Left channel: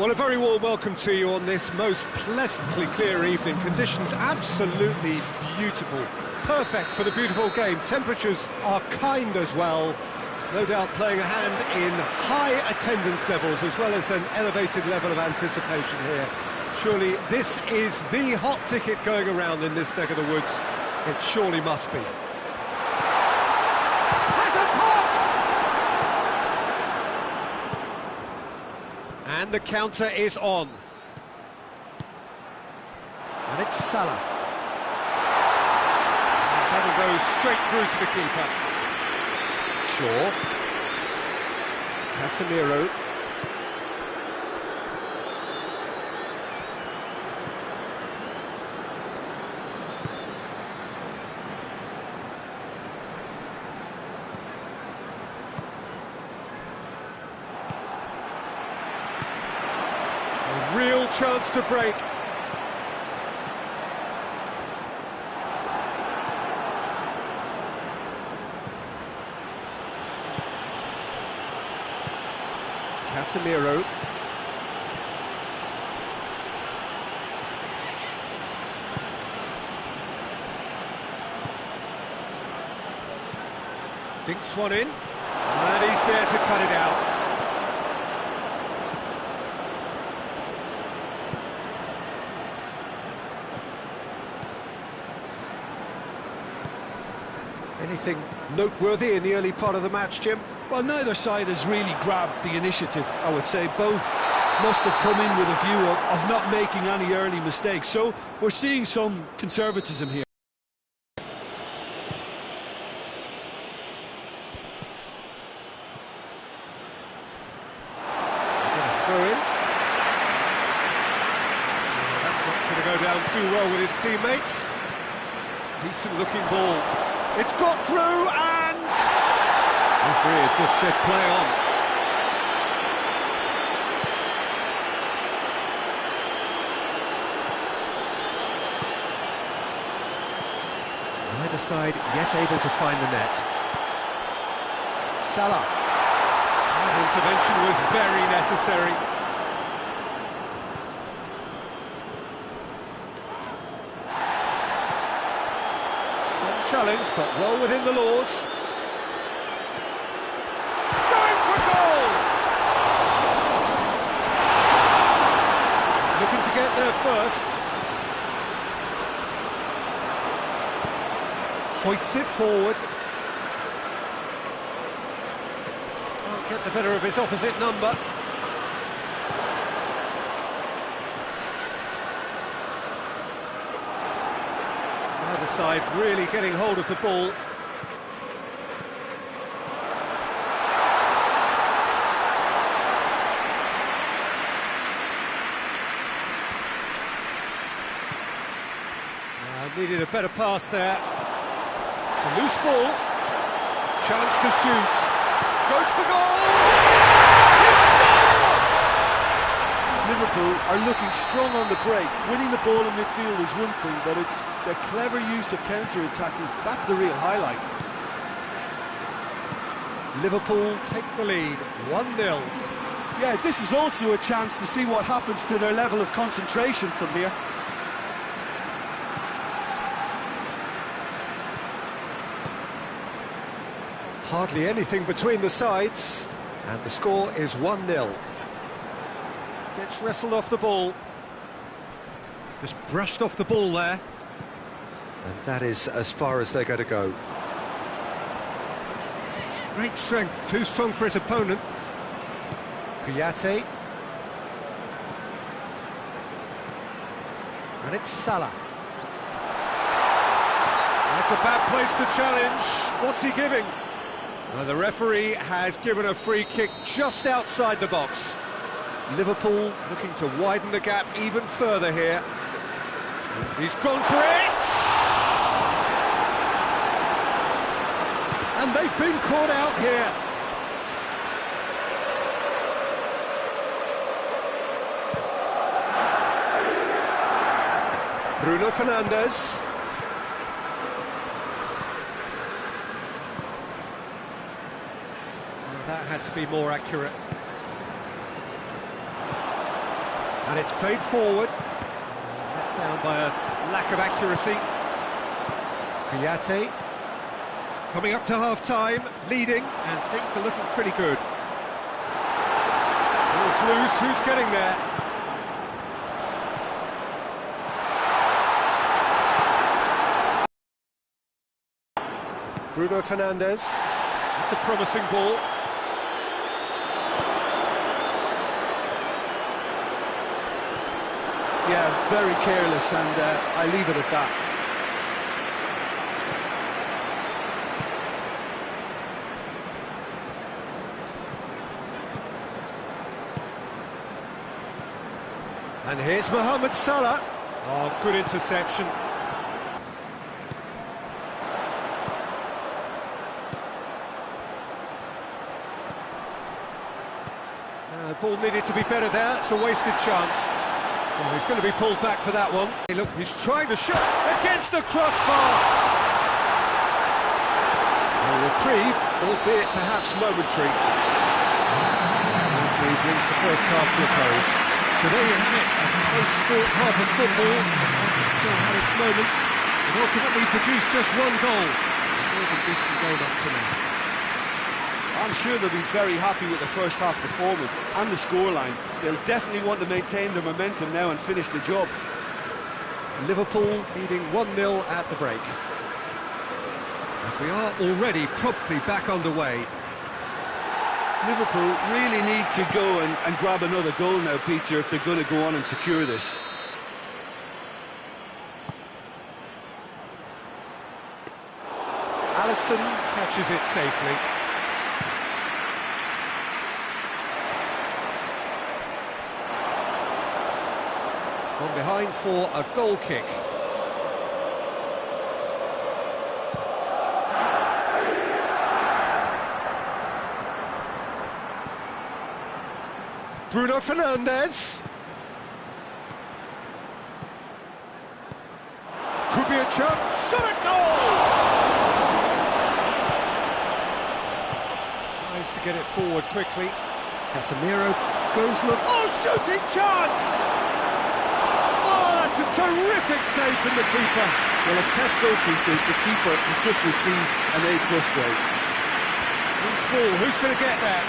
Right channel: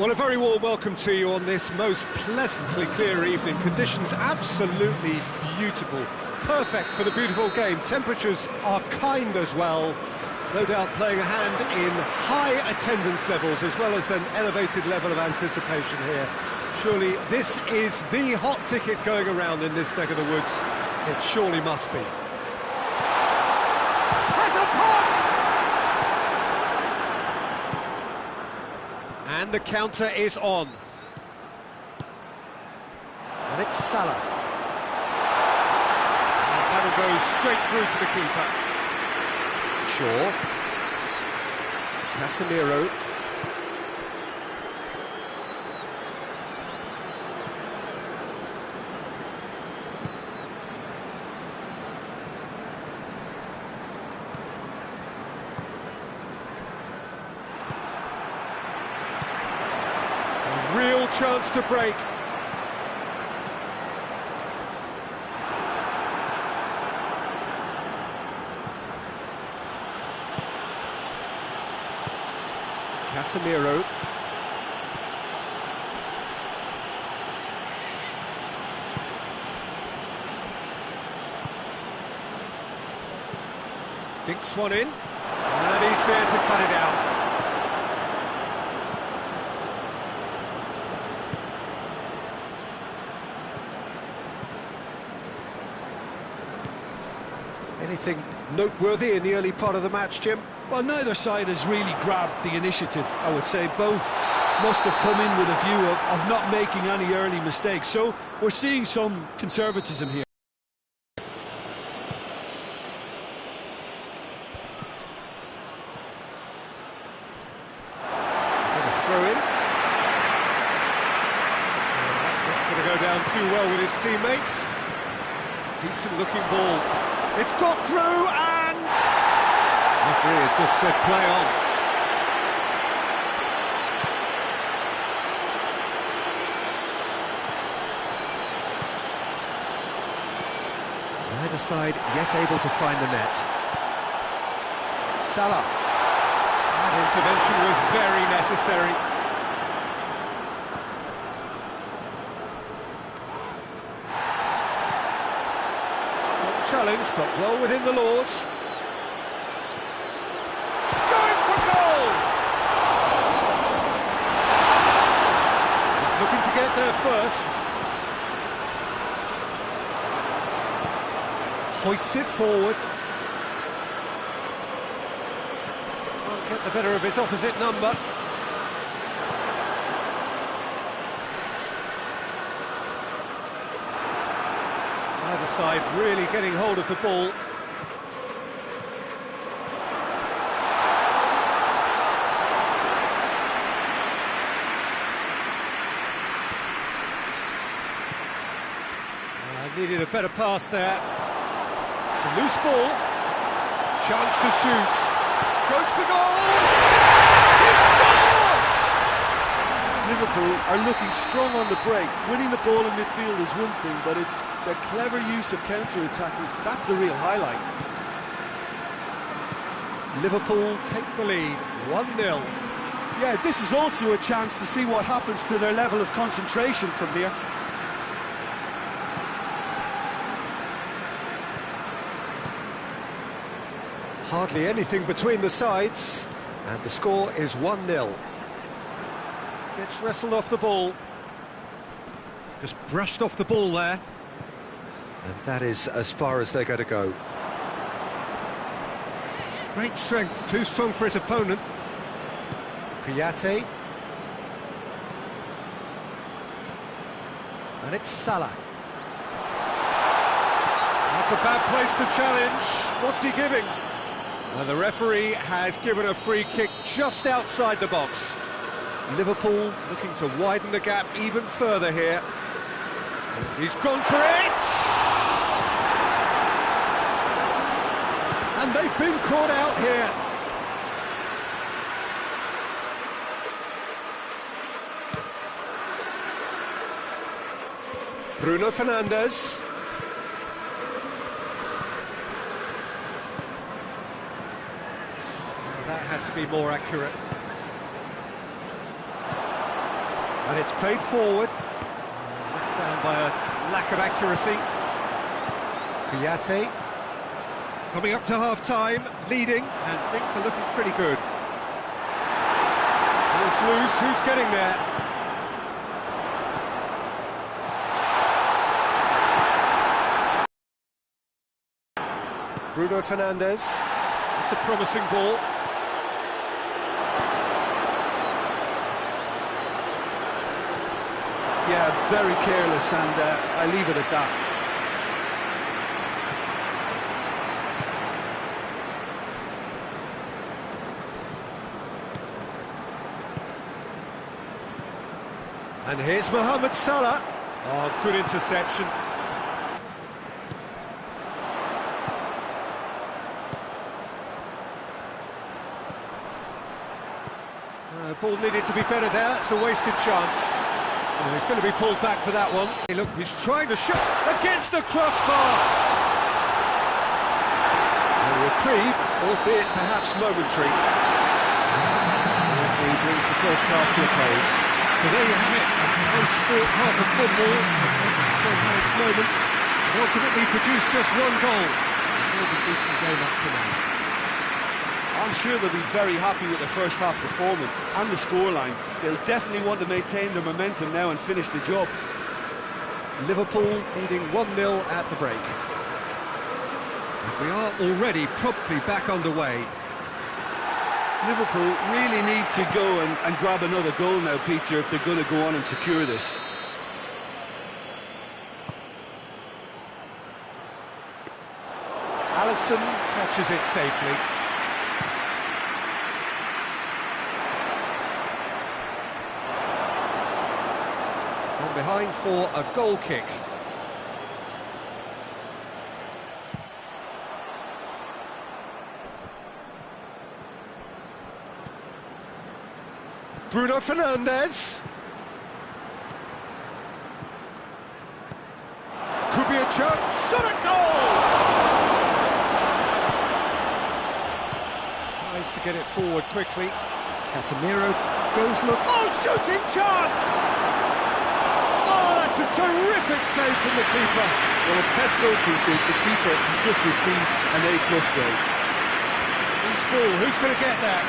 Well, a very warm welcome to you on this most pleasantly clear evening. Conditions absolutely beautiful. Perfect for the beautiful game. Temperatures are kind as well. No doubt playing a hand in high attendance levels as well as an elevated level of anticipation here. Surely this is the hot ticket going around in this neck of the woods. It surely must be. Has a pop! And the counter is on. And it's Salah. And that'll go straight through to the keeper. Shaw. Casemiro. A real chance to break. Casemiro. Dinks one in, and he's there to cut it out. Anything noteworthy in the early part of the match, Jim? Well, neither side has really grabbed the initiative, I would say. Both must have come in with a view of not making any early mistakes. So we're seeing some conservatism here. Get a throw in. Yeah, that's not going to go down too well with his teammates. Decent looking ball. It's got through and... the referee has just said play on. Neither side yet able to find the net. Salah. That intervention was very necessary. Strong challenge, but well within the laws. Looking to get there first. Hoists it forward. Can't get the better of his opposite number. Neither side really getting hold of the ball. Needed a better pass there. It's a loose ball. Chance to shoot. Goes for goal! He scored! Liverpool are looking strong on the break. Winning the ball in midfield is one thing, but it's their clever use of counter-attacking. That's the real highlight. Liverpool take the lead, 1-0. Yeah, this is also a chance to see what happens to their level of concentration from here. Hardly anything between the sides, and the score is 1-0. Gets wrestled off the ball. Just brushed off the ball there. And that is as far as they're going to go. Great strength, too strong for his opponent. Kouyaté. And it's Salah. That's a bad place to challenge. What's he giving? The referee has given a free kick just outside the box. Liverpool looking to widen the gap even further here. He's gone for it! And they've been caught out here. Bruno Fernandes. That had to be more accurate. And it's played forward. Let down by a lack of accuracy. Kouyaté. Coming up to half-time, leading, and things are looking pretty good. Ball's loose, who's getting there? Bruno Fernandes. It's a promising ball. Yeah, very careless, and I leave it at that. And here's Mohamed Salah. Oh, good interception. Ball needed to be better there. It's a wasted chance. Oh, he's going to be pulled back for that one. Hey, look, he's trying to shoot against the crossbar. A reprieve, albeit perhaps momentary. The referee brings the first half to a close. So there you have it, a close sport half of football. It still had its moments, but ultimately produced just one goal. A more than decent game up to now. I'm sure they'll be very happy with the first half performance and the scoreline. They'll definitely want to maintain their momentum now and finish the job. Liverpool leading 1-0 at the break. And we are already promptly back underway. Liverpool really need to go and grab another goal now, Peter, if they're going to go on and secure this. Alisson catches it safely. On behind for a goal kick. Bruno Fernandes. Could be a chance. Shot at goal! Tries to get it forward quickly. Casemiro goes look. Oh, shooting chance! That's a terrific save from the keeper. Well, as Tesco, Peter, the keeper has just received an A+ grade. Loose ball, who's going to get that?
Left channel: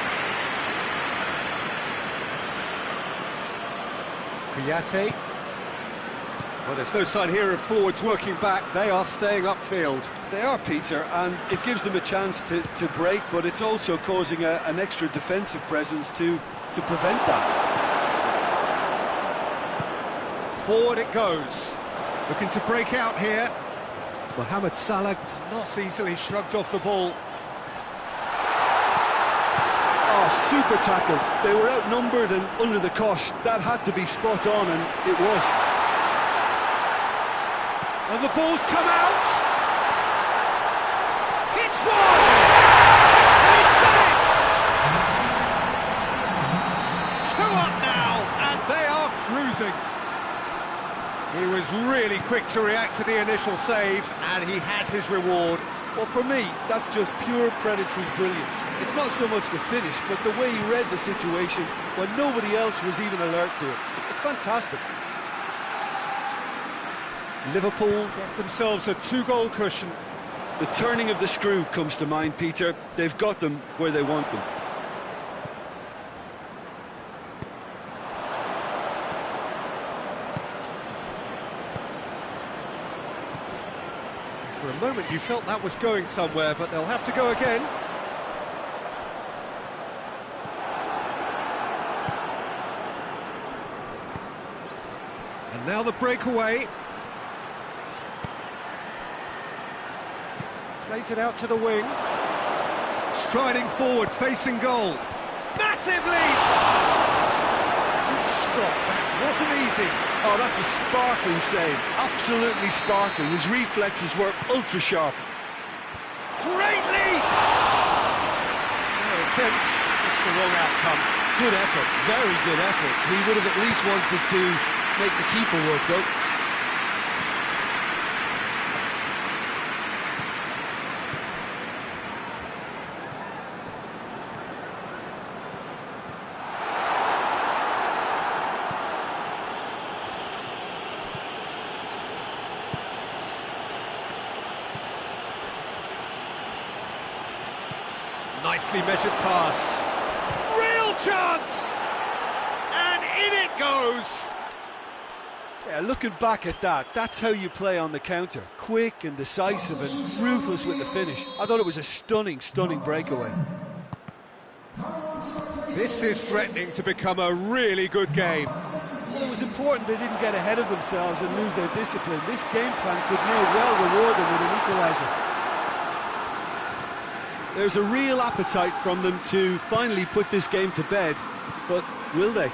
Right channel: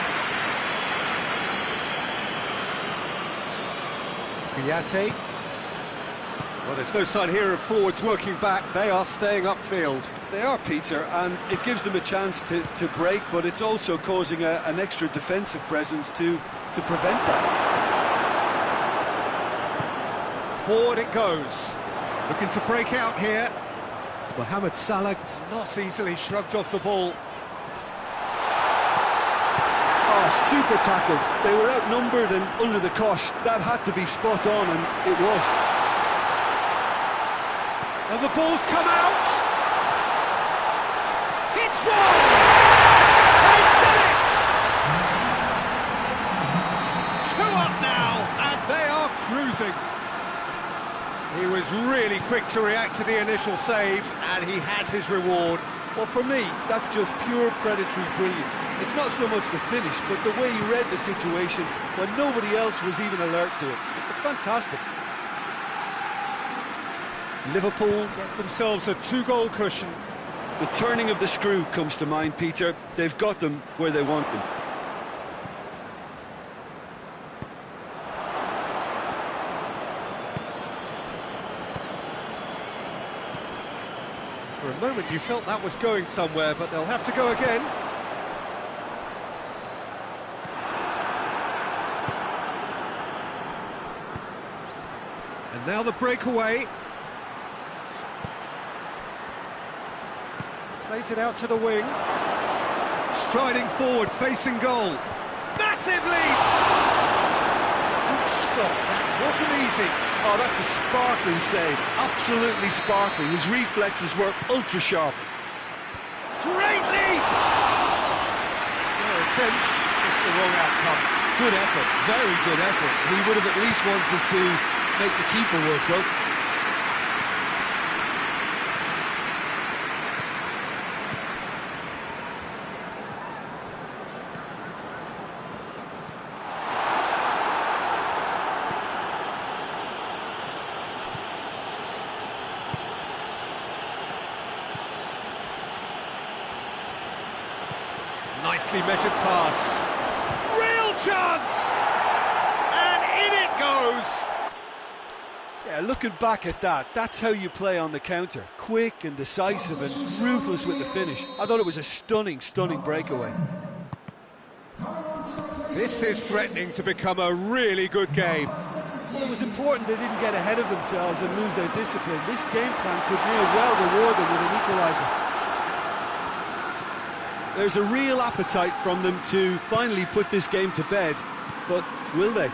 Kouyaté. Well, there's no sign here of forwards working back. They are staying upfield. They are, Peter, and it gives them a chance to break, but it's also causing an extra defensive presence to prevent that. Forward it goes. Looking to break out here. Mohamed Salah not easily shrugged off the ball. Oh, super tackle. They were outnumbered and under the cosh. That had to be spot on, and it was. And the ball's come out. Hits one! And he's done it! 2 up now, and they are cruising. He was really quick to react to the initial save, and he has his reward. Well, for me, that's just pure predatory brilliance. It's not so much the finish, but the way he read the situation when nobody else was even alert to it. It's fantastic. Liverpool get themselves a 2-goal cushion. The turning of the screw comes to mind, Peter. They've got them where they want them. For a moment you felt that was going somewhere, but they'll have to go again. And now the breakaway. Plays it out to the wing. Striding forward, facing goal. Massive leap! Good stop, that wasn't easy. Oh, that's a sparkling save. Absolutely sparkling. His reflexes were ultra sharp. Great leap! Fair attempt, just the wrong outcome. Good effort, very good effort. He would have at least wanted to make the keeper work, though. Nicely measured pass. Real chance! And in it goes! Yeah, looking back at that, that's how you play on the counter. Quick and decisive and ruthless with the finish. I thought it was a stunning, stunning breakaway. This is threatening to become a really good game. Well, it was important they didn't get ahead of themselves and lose their discipline. This game plan could near well reward them with an equaliser. There's a real appetite from them to finally put this game to bed, but will they?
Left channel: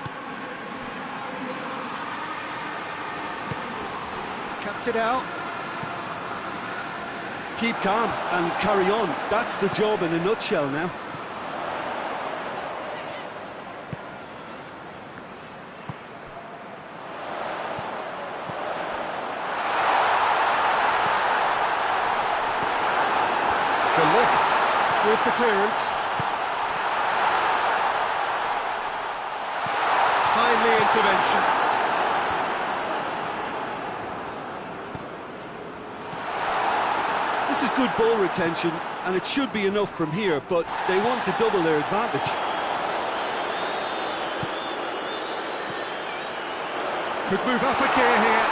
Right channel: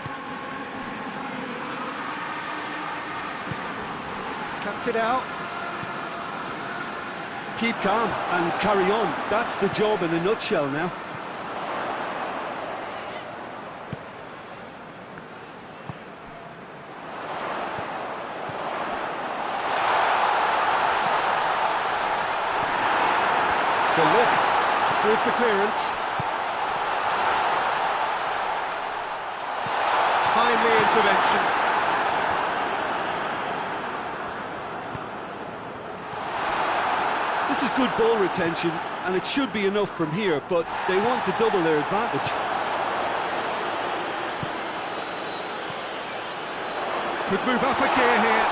Cuts it out. Keep calm and carry on. That's the job in a nutshell now. To lift with the clearance. Timely intervention. This is good ball retention, and it should be enough from here, but they want to double their advantage. Could move up a gear here.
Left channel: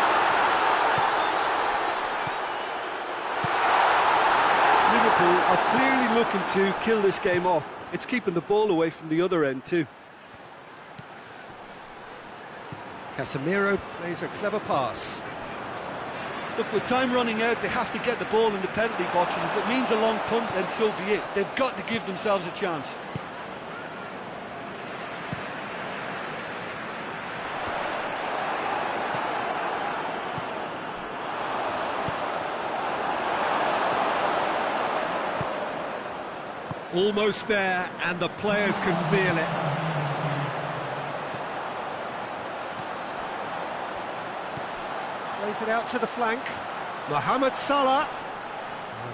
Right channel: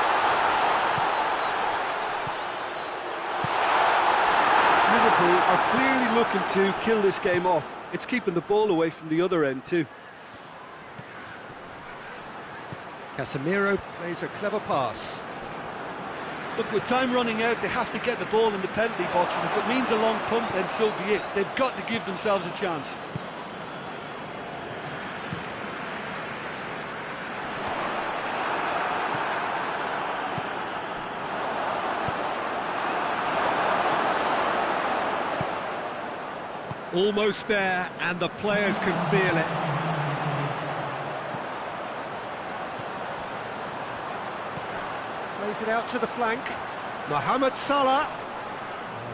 Liverpool are clearly looking to kill this game off. It's keeping the ball away from the other end too. Casemiro plays a clever pass. Look, with time running out, they have to get the ball in the penalty box, and if it means a long punt, then so be it. They've got to give themselves a chance. Almost there, and the players can feel it. Plays it out to the flank. Mohamed Salah.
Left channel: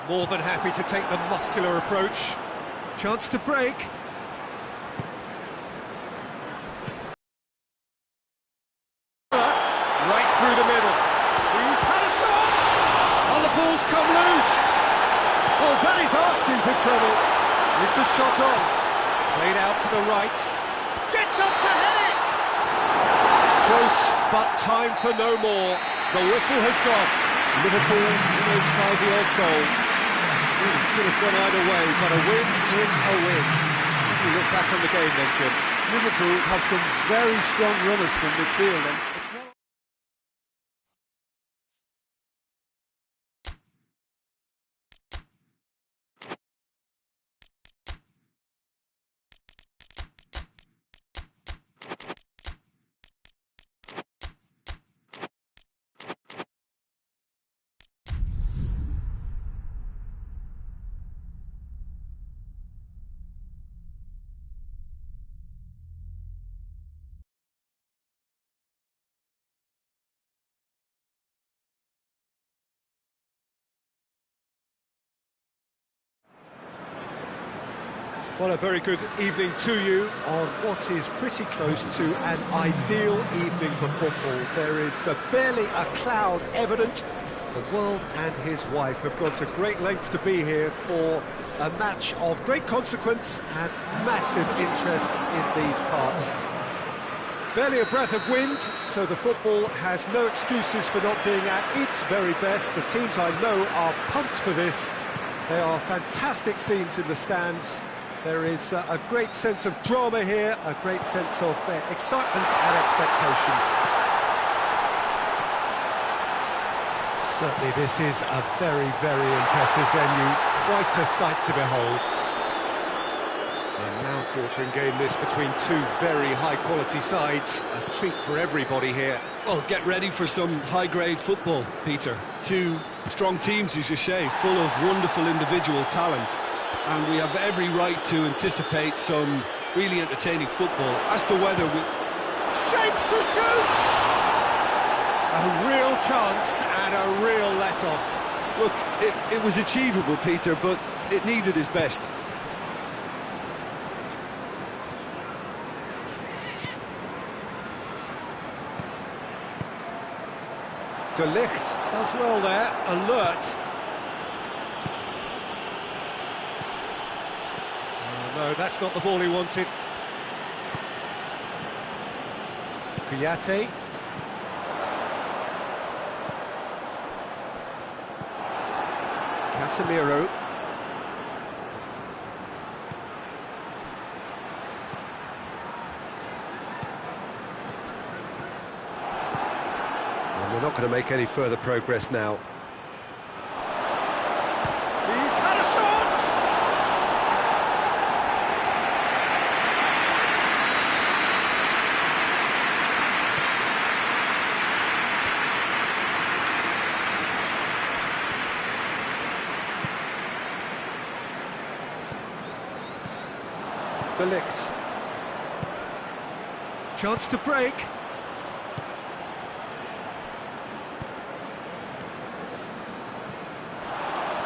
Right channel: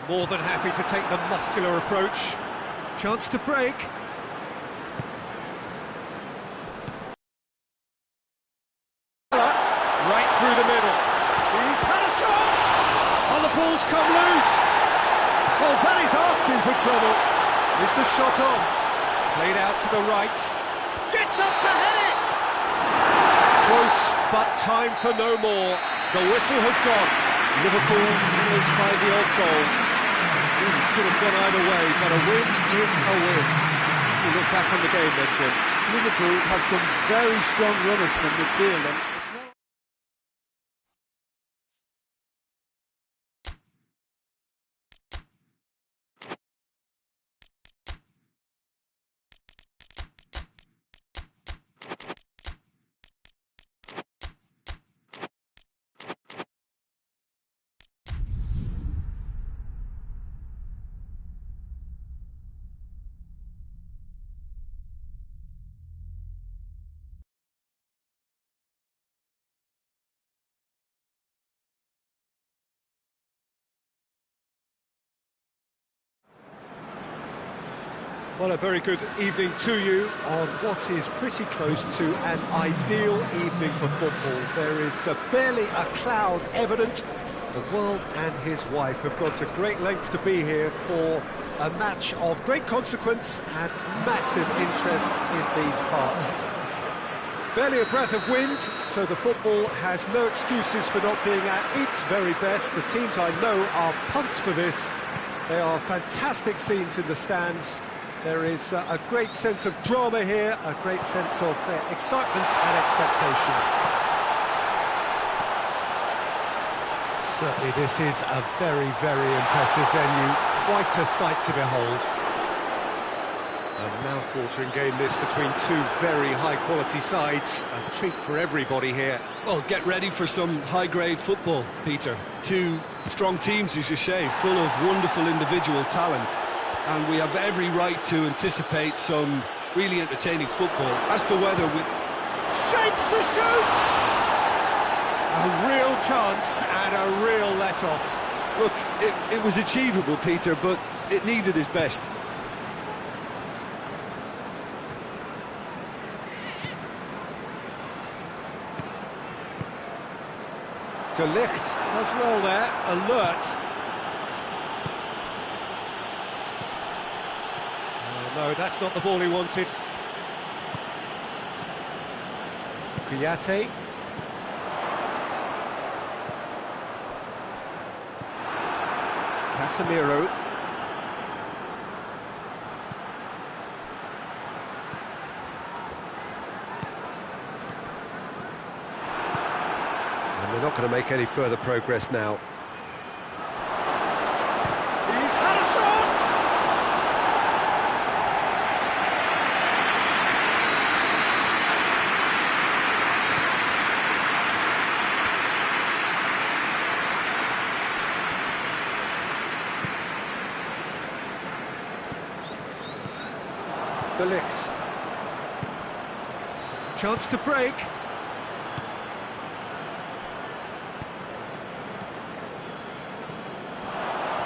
More than happy to take the muscular approach. Chance to break. Right through the middle. He's had a shot! Oh, the ball's come loose. Well, that is asking for trouble. Is the shot on? Played out to the right. Gets up to head it! Close, but time for no more. The whistle has gone. Liverpool winners by the odd goal. Really could have gone either way, but a win is a win. You look back on the game then, Jim. Liverpool have some very strong runners from midfield, and it's not... Well, a very good evening to you on what is pretty close to an ideal evening for football. There is barely a cloud evident. The world and his wife have gone to great lengths to be here for a match of great consequence and massive interest in these parts. Barely a breath of wind, so the football has no excuses for not being at its very best. The teams I know are pumped for this. There are fantastic scenes in the stands. There is a great sense of drama here, a great sense of excitement and expectation. Certainly this is a very, very impressive venue, quite a sight to behold. A mouth-watering game this between two very high-quality sides, a treat for everybody here. Well, get ready for some high-grade football, Peter. Two strong teams, as you say, full of wonderful individual talent. And we have every right to anticipate some really entertaining football. As to whether we... Shapes to shoot! A real chance and a real let-off. Look, it was achievable, Peter, but it needed his best. De Ligt does well there, alert. No, that's not the ball he wanted. Kouyaté. Casemiro. And they're not going to make any further progress now. He's had a shot! De Ligt. Chance to break.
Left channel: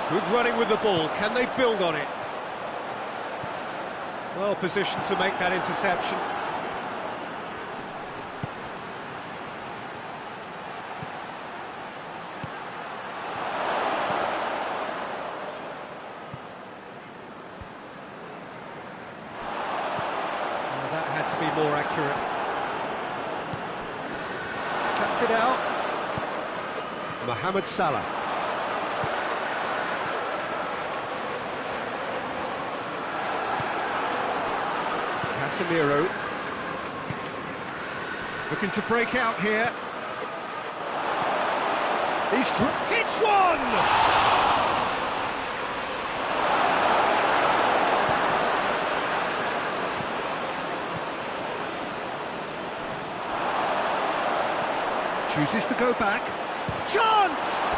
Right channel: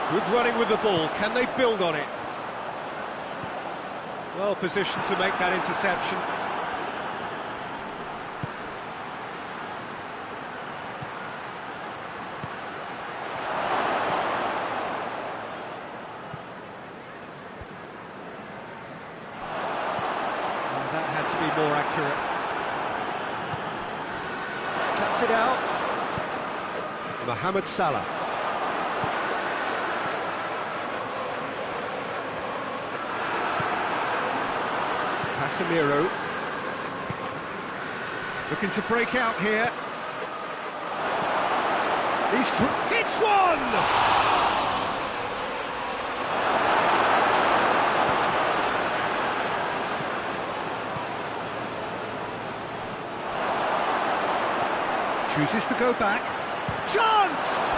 Good running with the ball. Can they build on it? Well positioned to make that interception. Well, that had to be more accurate. Cuts it out. Mohamed Salah. Casemiro looking to break out here. He's hits one! Chooses to go back. Chance!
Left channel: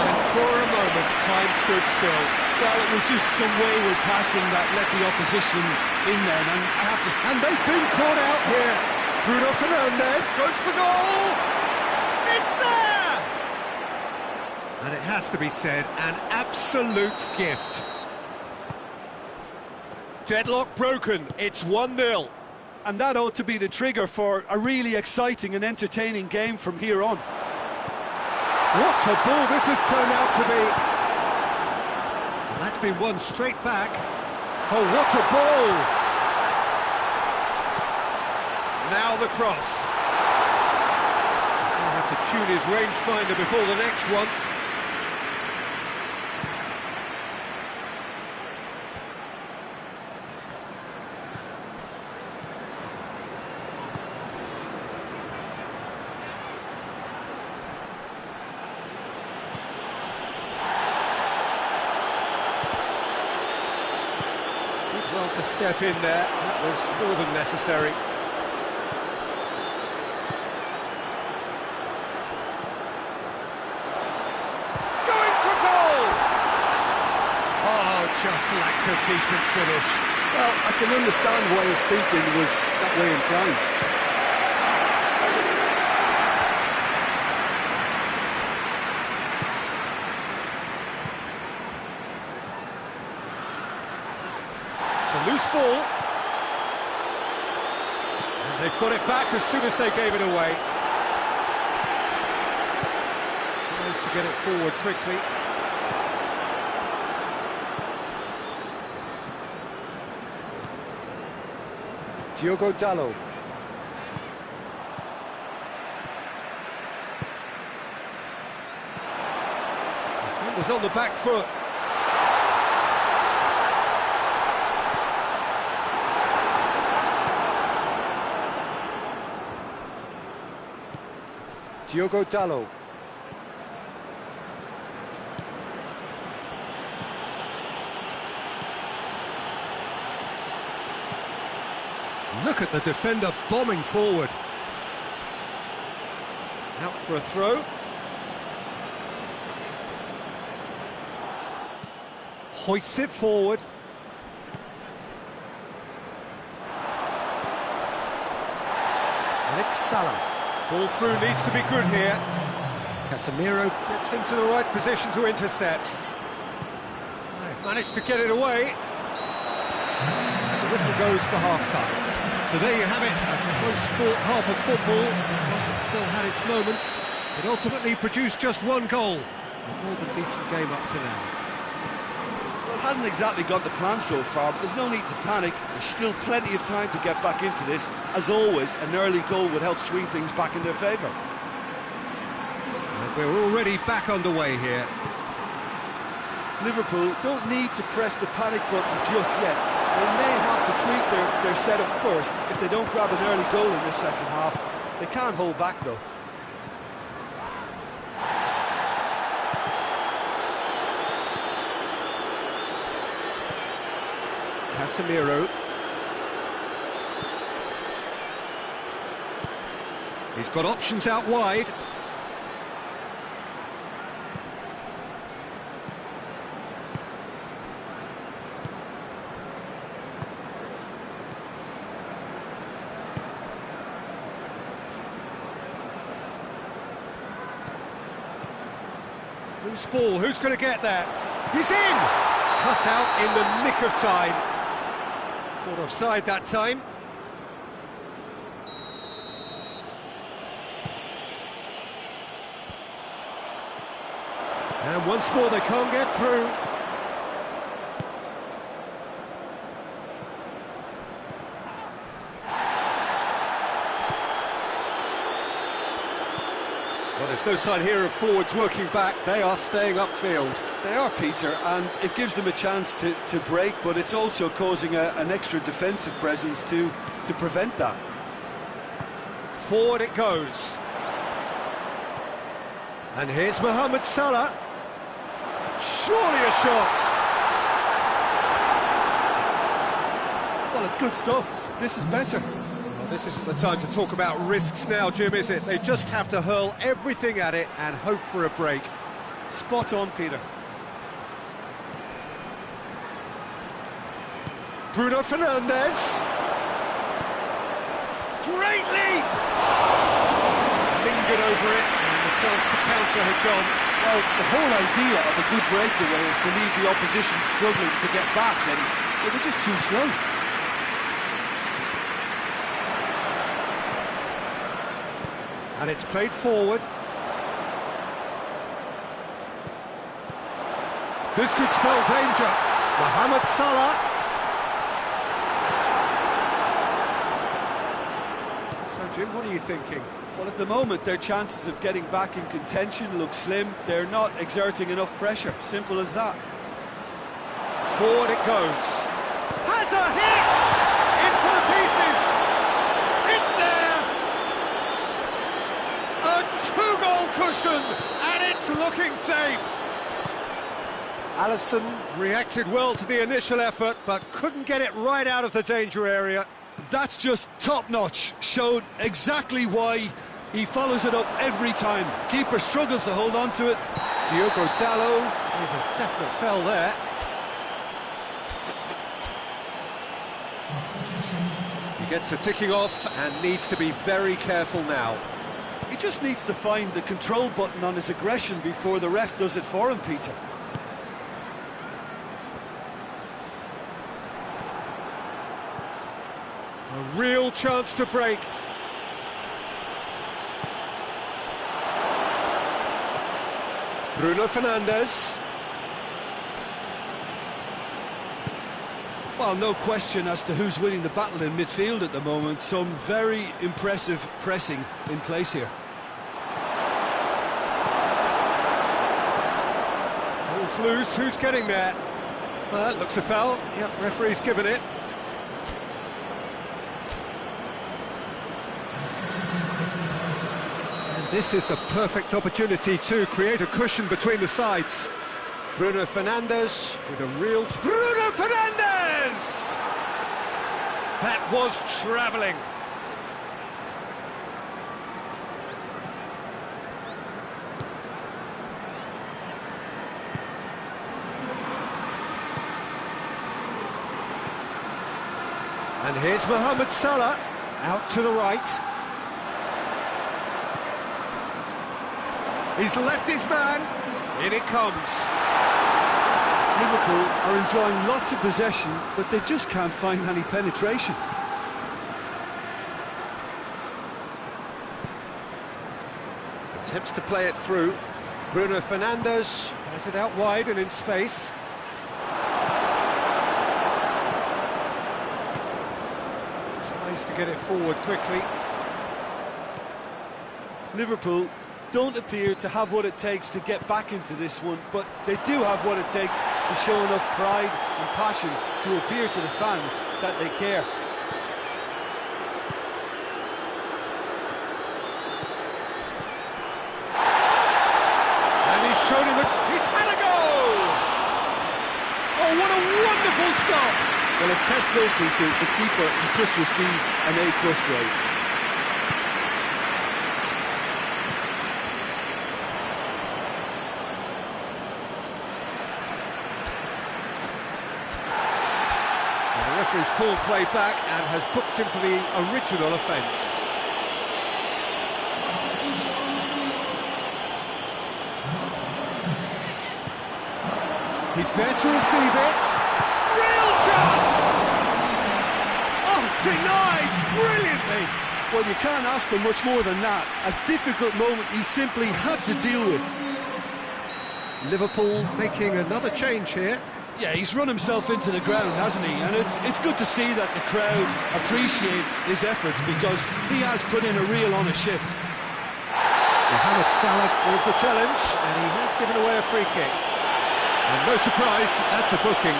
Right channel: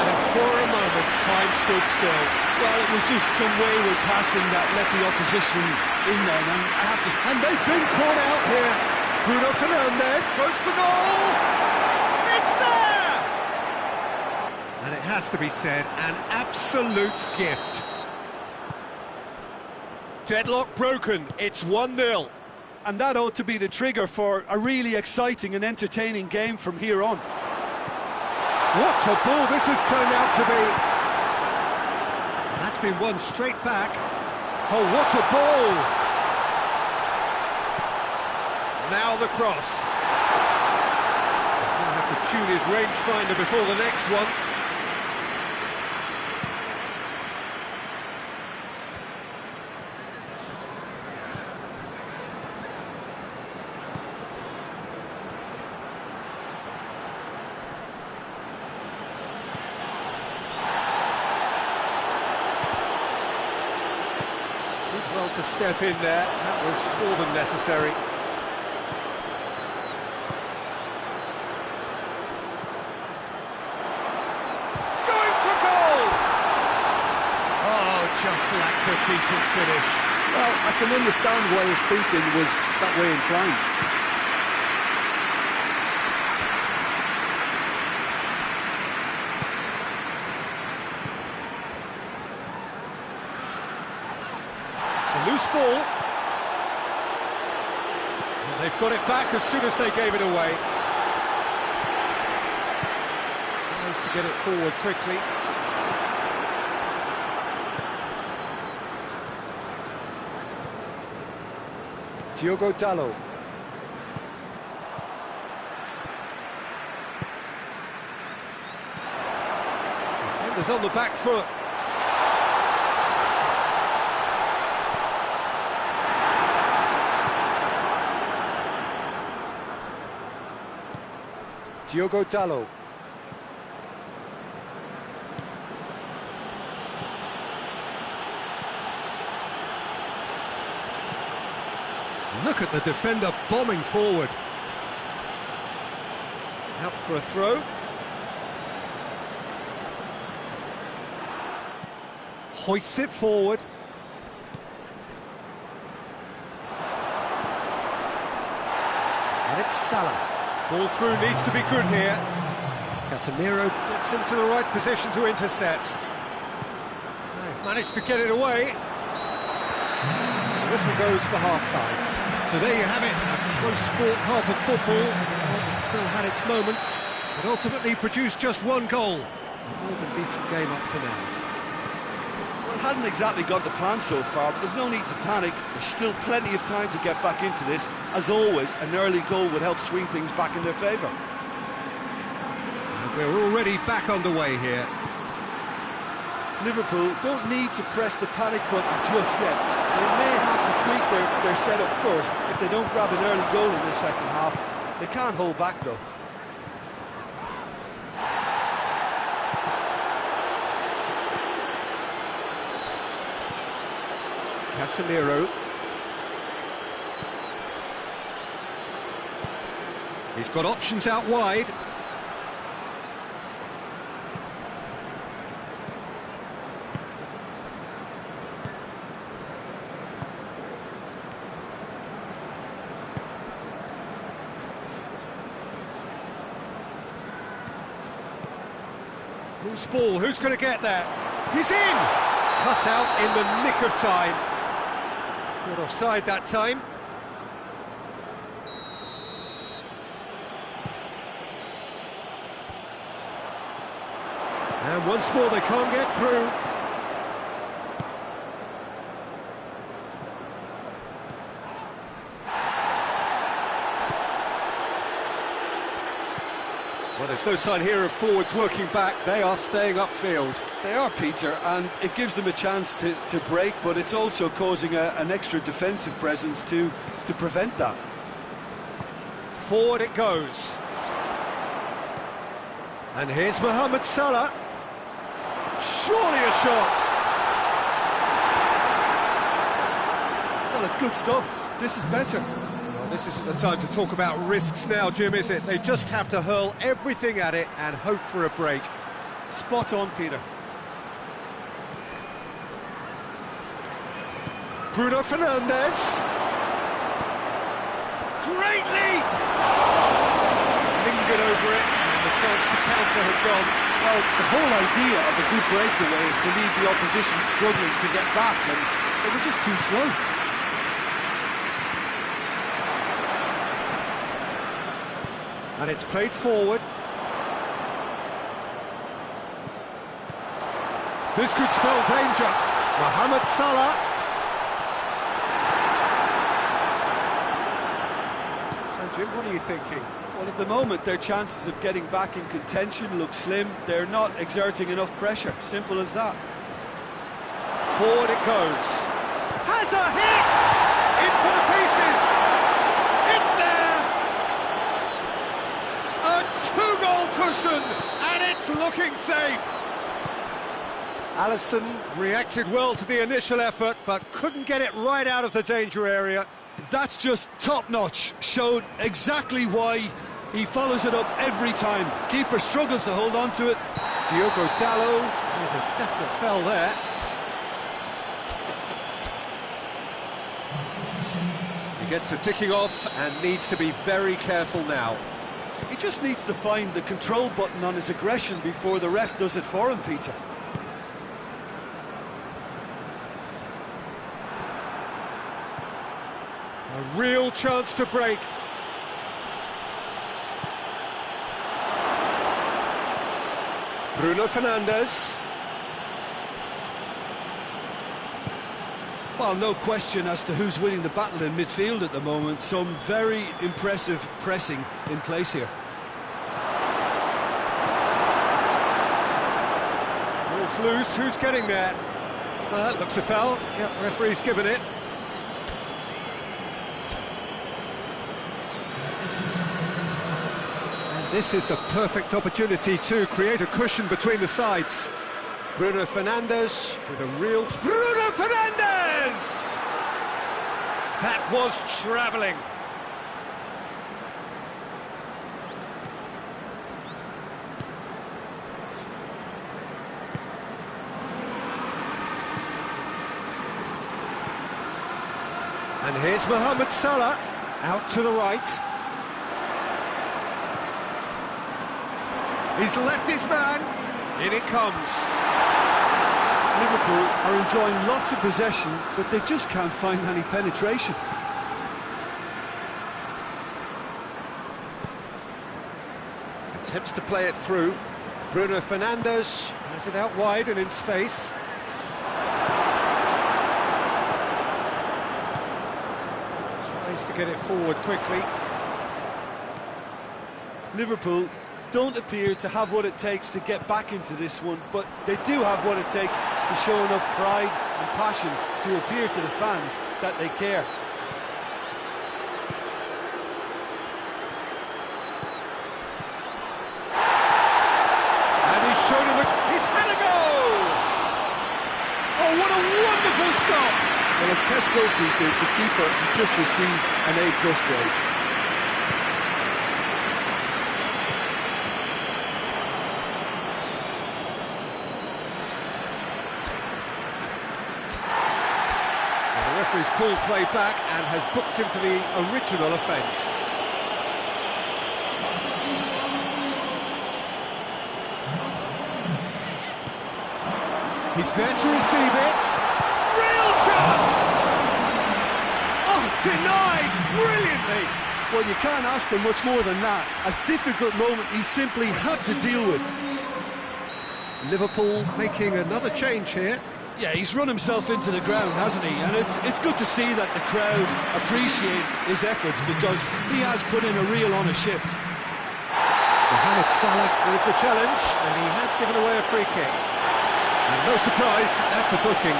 And for a moment, time stood still. Well, it was just some wayward passing that let the opposition in then, and I have to... And they've been caught out here. Bruno Fernandes goes for goal. It's there! And it has to be said, an absolute gift. Deadlock broken. It's 1-0. And that ought to be the trigger for a really exciting and entertaining game from here on. What a ball this has turned out to be. And that's been won straight back. Oh, what a ball! Now the cross. He's going to have to tune his rangefinder before the next one. Did well to step in there. That was more than necessary. Going for goal! Oh, just lacked a decent finish. Well, I can understand why his thinking was that way inclined. It's a loose ball. And they've got it back as soon as they gave it away. Tries to get it forward quickly. Diogo Dalot. Defenders on the back foot. Diogo Dalot. Look at the defender bombing forward. Out for a throw. Hoists it forward. And it's Salah. Ball through needs to be good here. Casemiro gets into the right position to intercept. They've managed to get it away. The whistle goes for half-time. So there you have it, a close sport half of football. One that still had its moments, but ultimately produced just one goal. A more than decent game up to now. Well, hasn't exactly gone to plan so far, but there's no need to panic. There's still plenty of time to get back into this. As always, an early goal would help swing things back in their favour. And we're already back underway here. Liverpool don't need to press the panic button just yet. They may have to tweak their setup first if they don't grab an early goal in this second half. They can't hold back though. Casemiro. He's got options out wide. Loose ball, who's going to get that? He's in! Cut out in the nick of time. Caught offside that time. And once more they can't get through. Well, there's no sign here of forwards working back. They are staying upfield. They are, Peter, and it gives them a chance to break, but it's also causing an extra defensive presence to prevent that. Forward it goes. And here's Mohamed Salah. Surely a shot. Well, it's good stuff. This is better. Well, this isn't the time to talk about risks now, Jim, is it? They just have to hurl everything at it and hope for a break. Spot on, Peter. Bruno Fernandes. Great leap! Lingered over it, and the chance to counter had gone. Well, the whole idea of a good breakaway is to leave the opposition struggling to get back, and they were just too slow. And it's played forward. This could spell danger. Mohamed Salah. So, Jim, what are you thinking? Well, at the moment, their chances of getting back in contention look slim. They're not exerting enough pressure. Simple as that. Forward it goes. Has a hit! In for the pieces! It's there! A two-goal cushion, and it's looking safe. Alisson reacted well to the initial effort, but couldn't get it right out of the danger area. That's just top-notch. Showed exactly why he follows it up every time. Keeper struggles to hold on to it. Diogo Dalot with a definite fell there. He gets a ticking off and needs to be very careful now. He just needs to find the control button on his aggression before the ref does it for him, Peter. A real chance to break. Bruno Fernandes. Well, no question as to who's winning the battle in midfield at the moment. Some very impressive pressing in place here. Ball's loose, who's getting there? That looks a foul. Yep, referee's given it. And this is the perfect opportunity to create a cushion between the sides. Bruno Fernandes with a real... Bruno Fernandes! That was travelling. And here's Mohamed Salah, out to the right. He's left his man, in it comes. Liverpool are enjoying lots of possession, but they just can't find any penetration. Attempts to play it through. Bruno Fernandes has it out wide and in space. Has to get it forward quickly. Liverpool don't appear to have what it takes to get back into this one, but they do have what it takes to show enough pride and passion to appear to the fans that they care. And he's shown him he's had a goal! Oh, what a wonderful stop! Well, as test goalkeeper, the keeper has just received an A+ grade. Well, the referee's pulled play back and has booked him for the original offence. He's there to receive it. Real chance! Oh, denied brilliantly! Well, you can't ask for much more than that. A difficult moment he simply had to deal with. Liverpool making another change here. Yeah, he's run himself into the ground, hasn't he? And it's good to see that the crowd appreciate his efforts, because he has put in a real honest shift. Mohamed Salah with the challenge, and he has given away a free kick. And no surprise, that's a booking.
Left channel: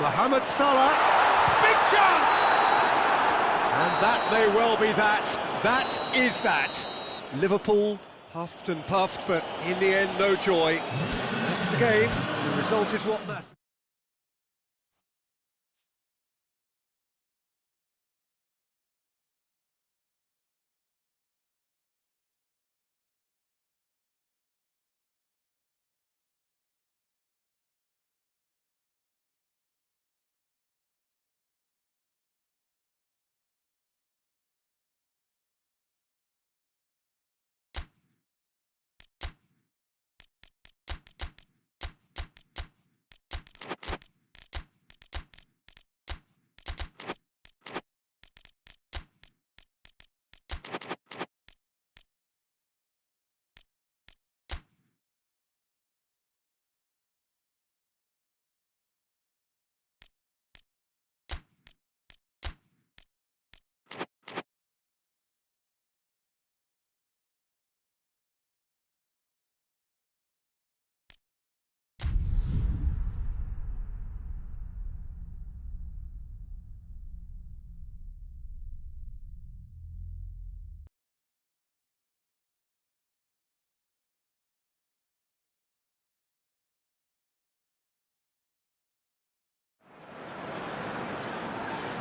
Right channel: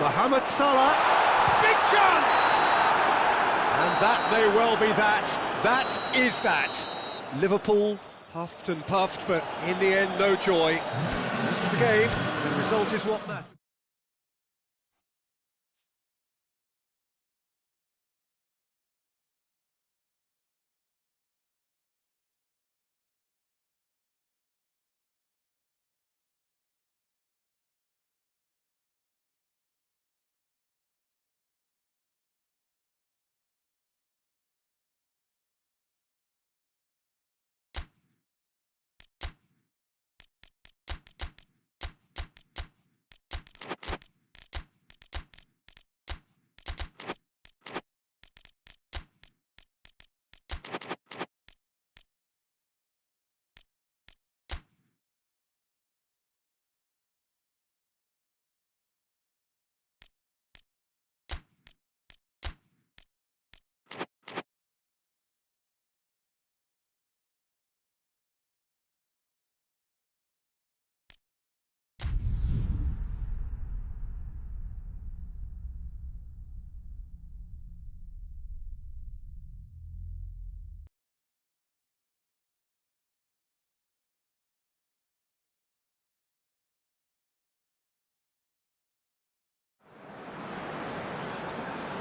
Mohamed Salah, big chance! And that may well be that. That is that. Liverpool huffed and puffed, but in the end, no joy. That's the game. The result is what matters.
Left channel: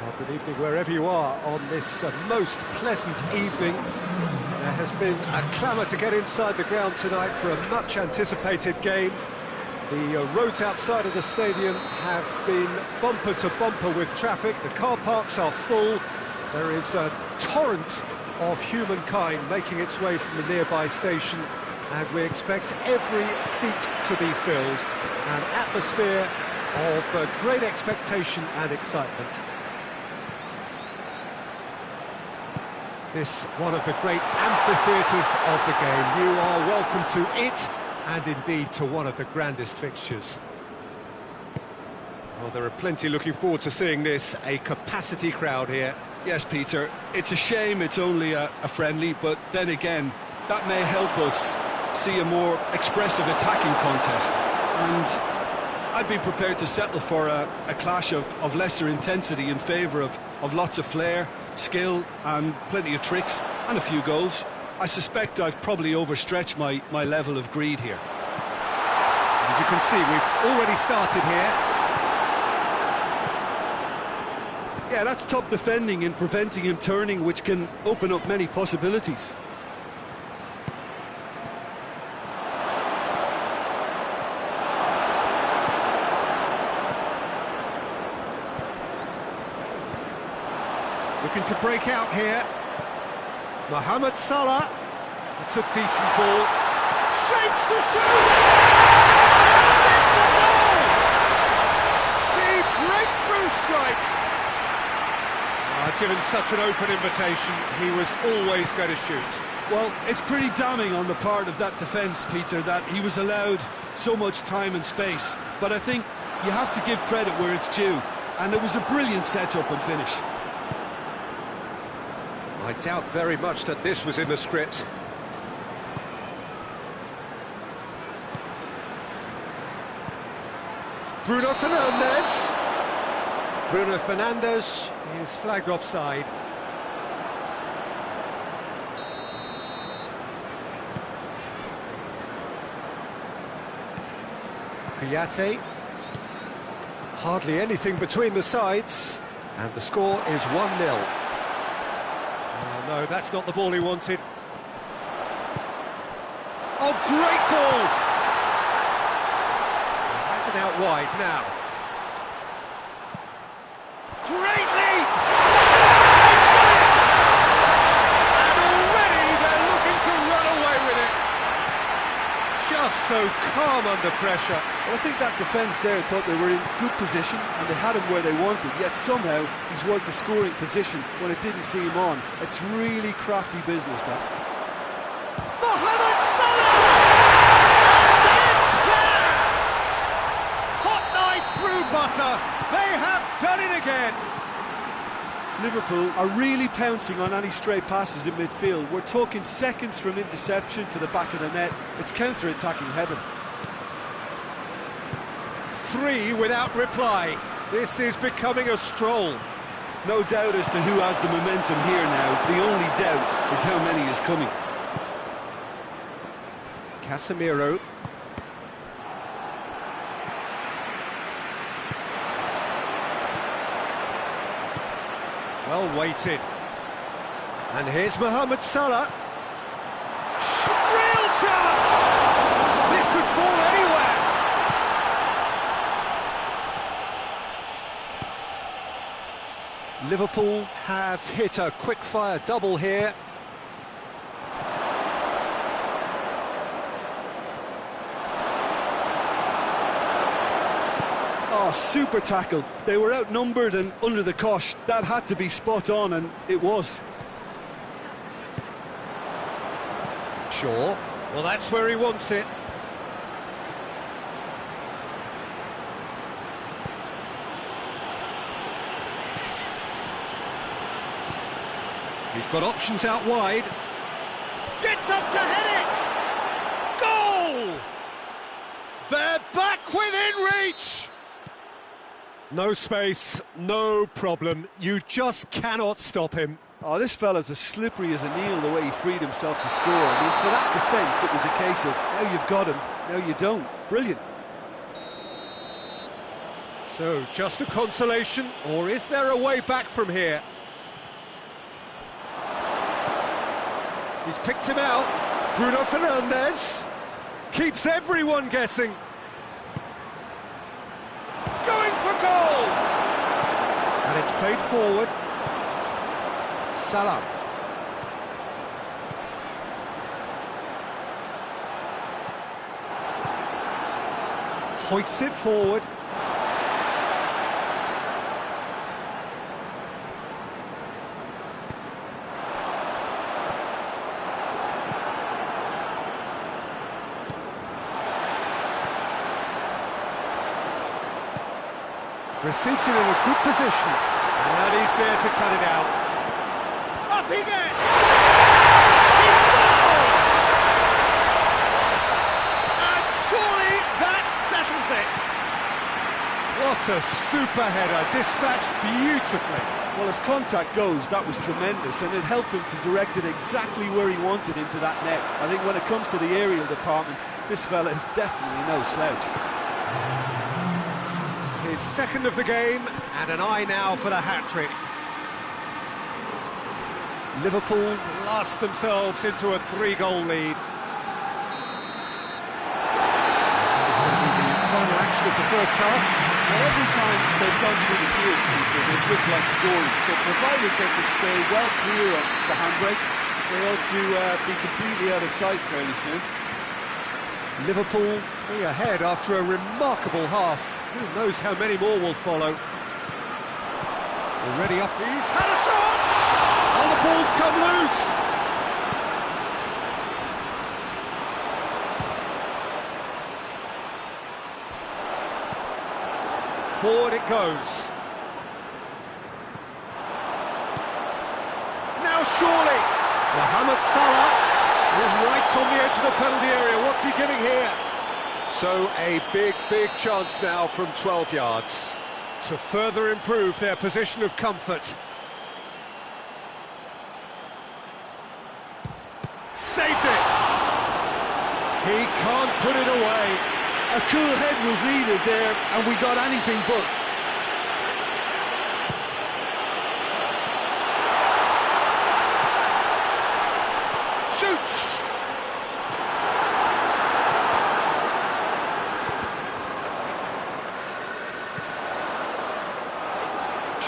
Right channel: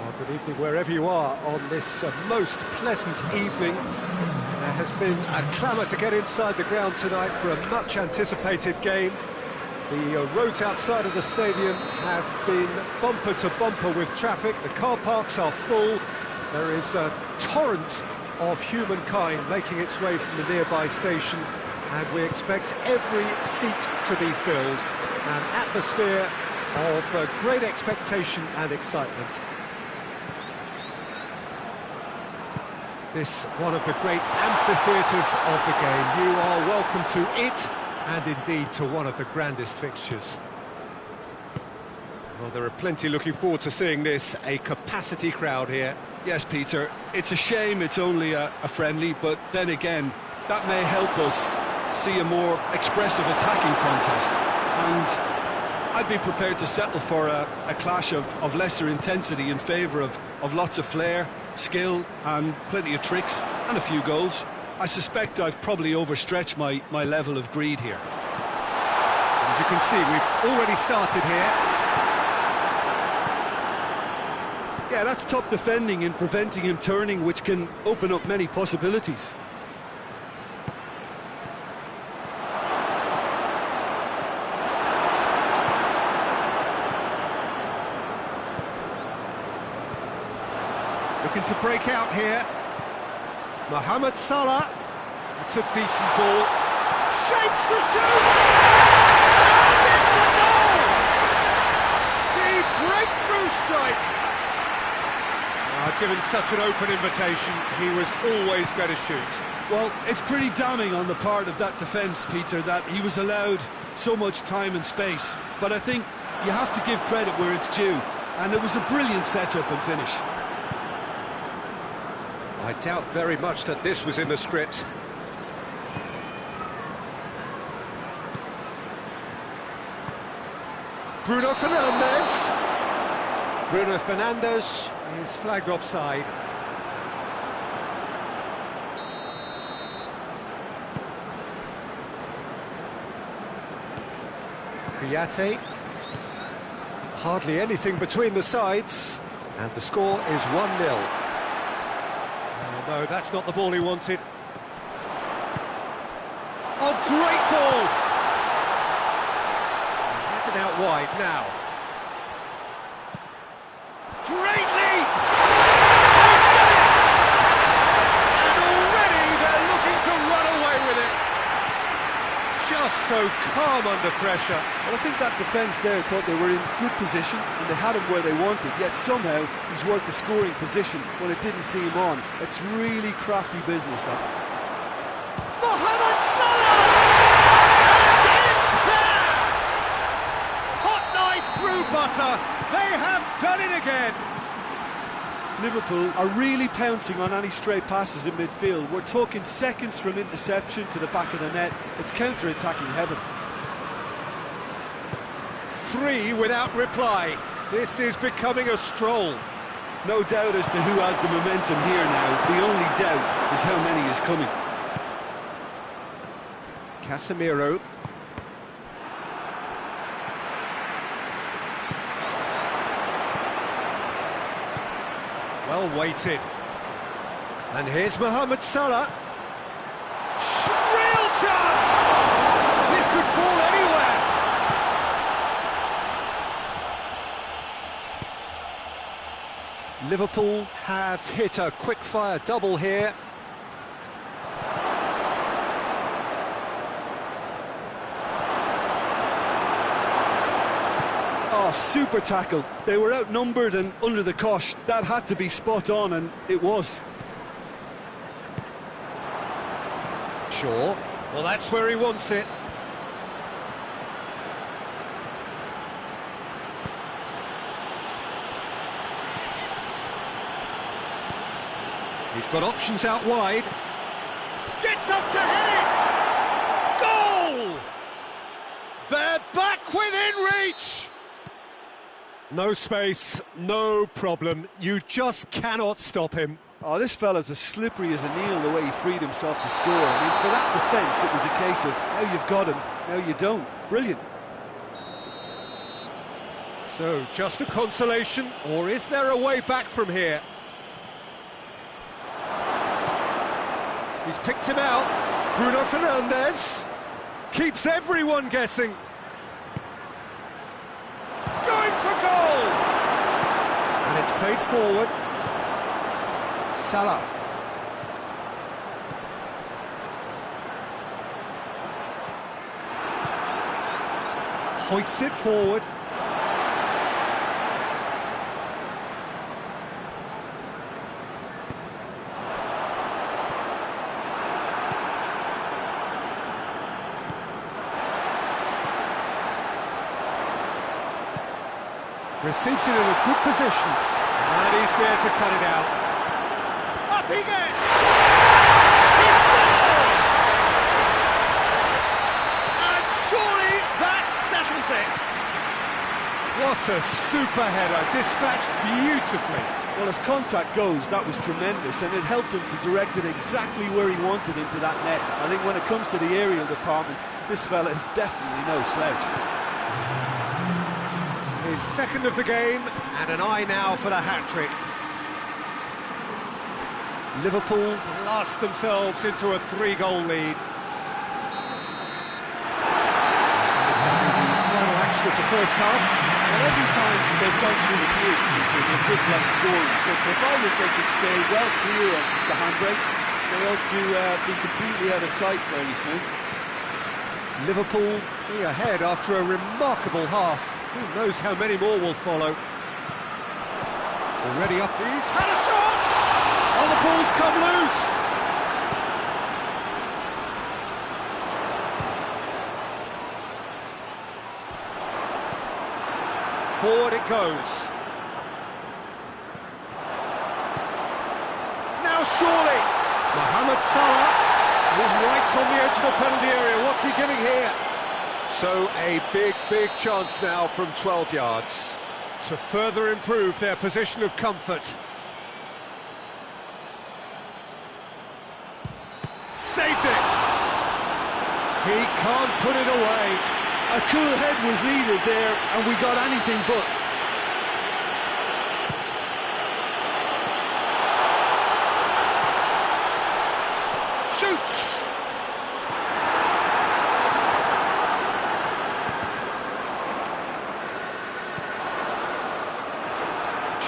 Well, good evening wherever you are on this most pleasant evening. There has been a clamour to get inside the ground tonight for a much-anticipated game. The roads outside of the stadium have been bumper to bumper with traffic. The car parks are full. There is a torrent of humankind making its way from the nearby station, and we expect every seat to be filled. An atmosphere of great expectation and excitement. This one of the great amphitheatres of the game. You are welcome to it, and indeed to one of the grandest fixtures. Well, there are plenty looking forward to seeing this, a capacity crowd here. Yes, Peter, it's a shame it's only a friendly, but then again, that may help us see a more expressive attacking contest. And I'd be prepared to settle for a clash of lesser intensity in favour of lots of flair, skill and plenty of tricks and a few goals. I suspect I've probably overstretched my level of greed here. And as you can see, we've already started here. Yeah, that's top defending and preventing him turning, which can open up many possibilities. Looking to break out here. Mohamed Salah. It's a decent ball. Shapes to shoot! And it's a goal! The breakthrough strike. Given such an open invitation, he was always going to shoot. Well, it's pretty damning on the part of that defence, Peter, that he was allowed so much time and space. But I think you have to give credit where it's due, and it was a brilliant setup and finish. I doubt very much that this was in the script. Bruno Fernandes. Bruno Fernandes is flagged offside. Kouyaté. Hardly anything between the sides, and the score is 1-0. Oh no, that's not the ball he wanted. Oh, great ball! Has it out wide now. Great leap! And already they're looking to run away with it. Just so calm under pressure. Well, I think that defence there thought they were in good position and they had him where they wanted, yet somehow he's worked a scoring position when it didn't see him on. It's really crafty business, that. Mohamed Salah! And it's there! Hot knife through butter. They have done it again. Liverpool are really pouncing on any stray passes in midfield. We're talking seconds from interception to the back of the net. It's counter-attacking heaven. 3 without reply. This is becoming a stroll. No doubt as to who has the momentum here now. The only doubt is how many is coming. Casemiro. Well weighted. And here's Mohamed Salah. Real chance! This could fall anywhere. Liverpool have hit a quick-fire double here. Oh, super tackle. They were outnumbered and under the cosh. That had to be spot on, and it was. Sure. Well, that's where he wants it. He's got options out wide. Gets up to head it! Goal! They're back within reach! No space, no problem. You just cannot stop him. Oh, this fella's as slippery as an eel, the way he freed himself to score. I mean, for that defence, it was a case of, now you've got him, now you don't. Brilliant. So, just a consolation, or is there a way back from here? He's picked him out. Bruno Fernandes keeps everyone guessing. Going for goal! And it's played forward. Salah. Hoists it forward. Receives it in a good position. And he's there to cut it out. Up he gets! He scores! And surely that settles it. What a super header, dispatched beautifully. Well, as contact goes, that was tremendous, and it helped him to direct it exactly where he wanted into that net. I think when it comes to the aerial department, this fella is definitely no slouch. His second of the game, and an eye now for the hat-trick. Liverpool blast themselves into a 3-goal lead. And it's going to be the final action of the first half. Well, every time they've gone through the gears, Peter, they've looked like scoring. So provided they can stay well clear of the handbrake, they ought to be completely out of sight fairly soon. Liverpool 3 ahead after a remarkable half. Who knows how many more will follow. Already up. He's had a shot! the ball's come loose. Forward it goes. Now surely, Mohamed Salah, right on the edge of the penalty area. What's he giving here? So a big chance now from 12 yards to further improve their position of comfort. Saved it! He can't put it away. A cool head was needed there, and we got anything but. Shoots!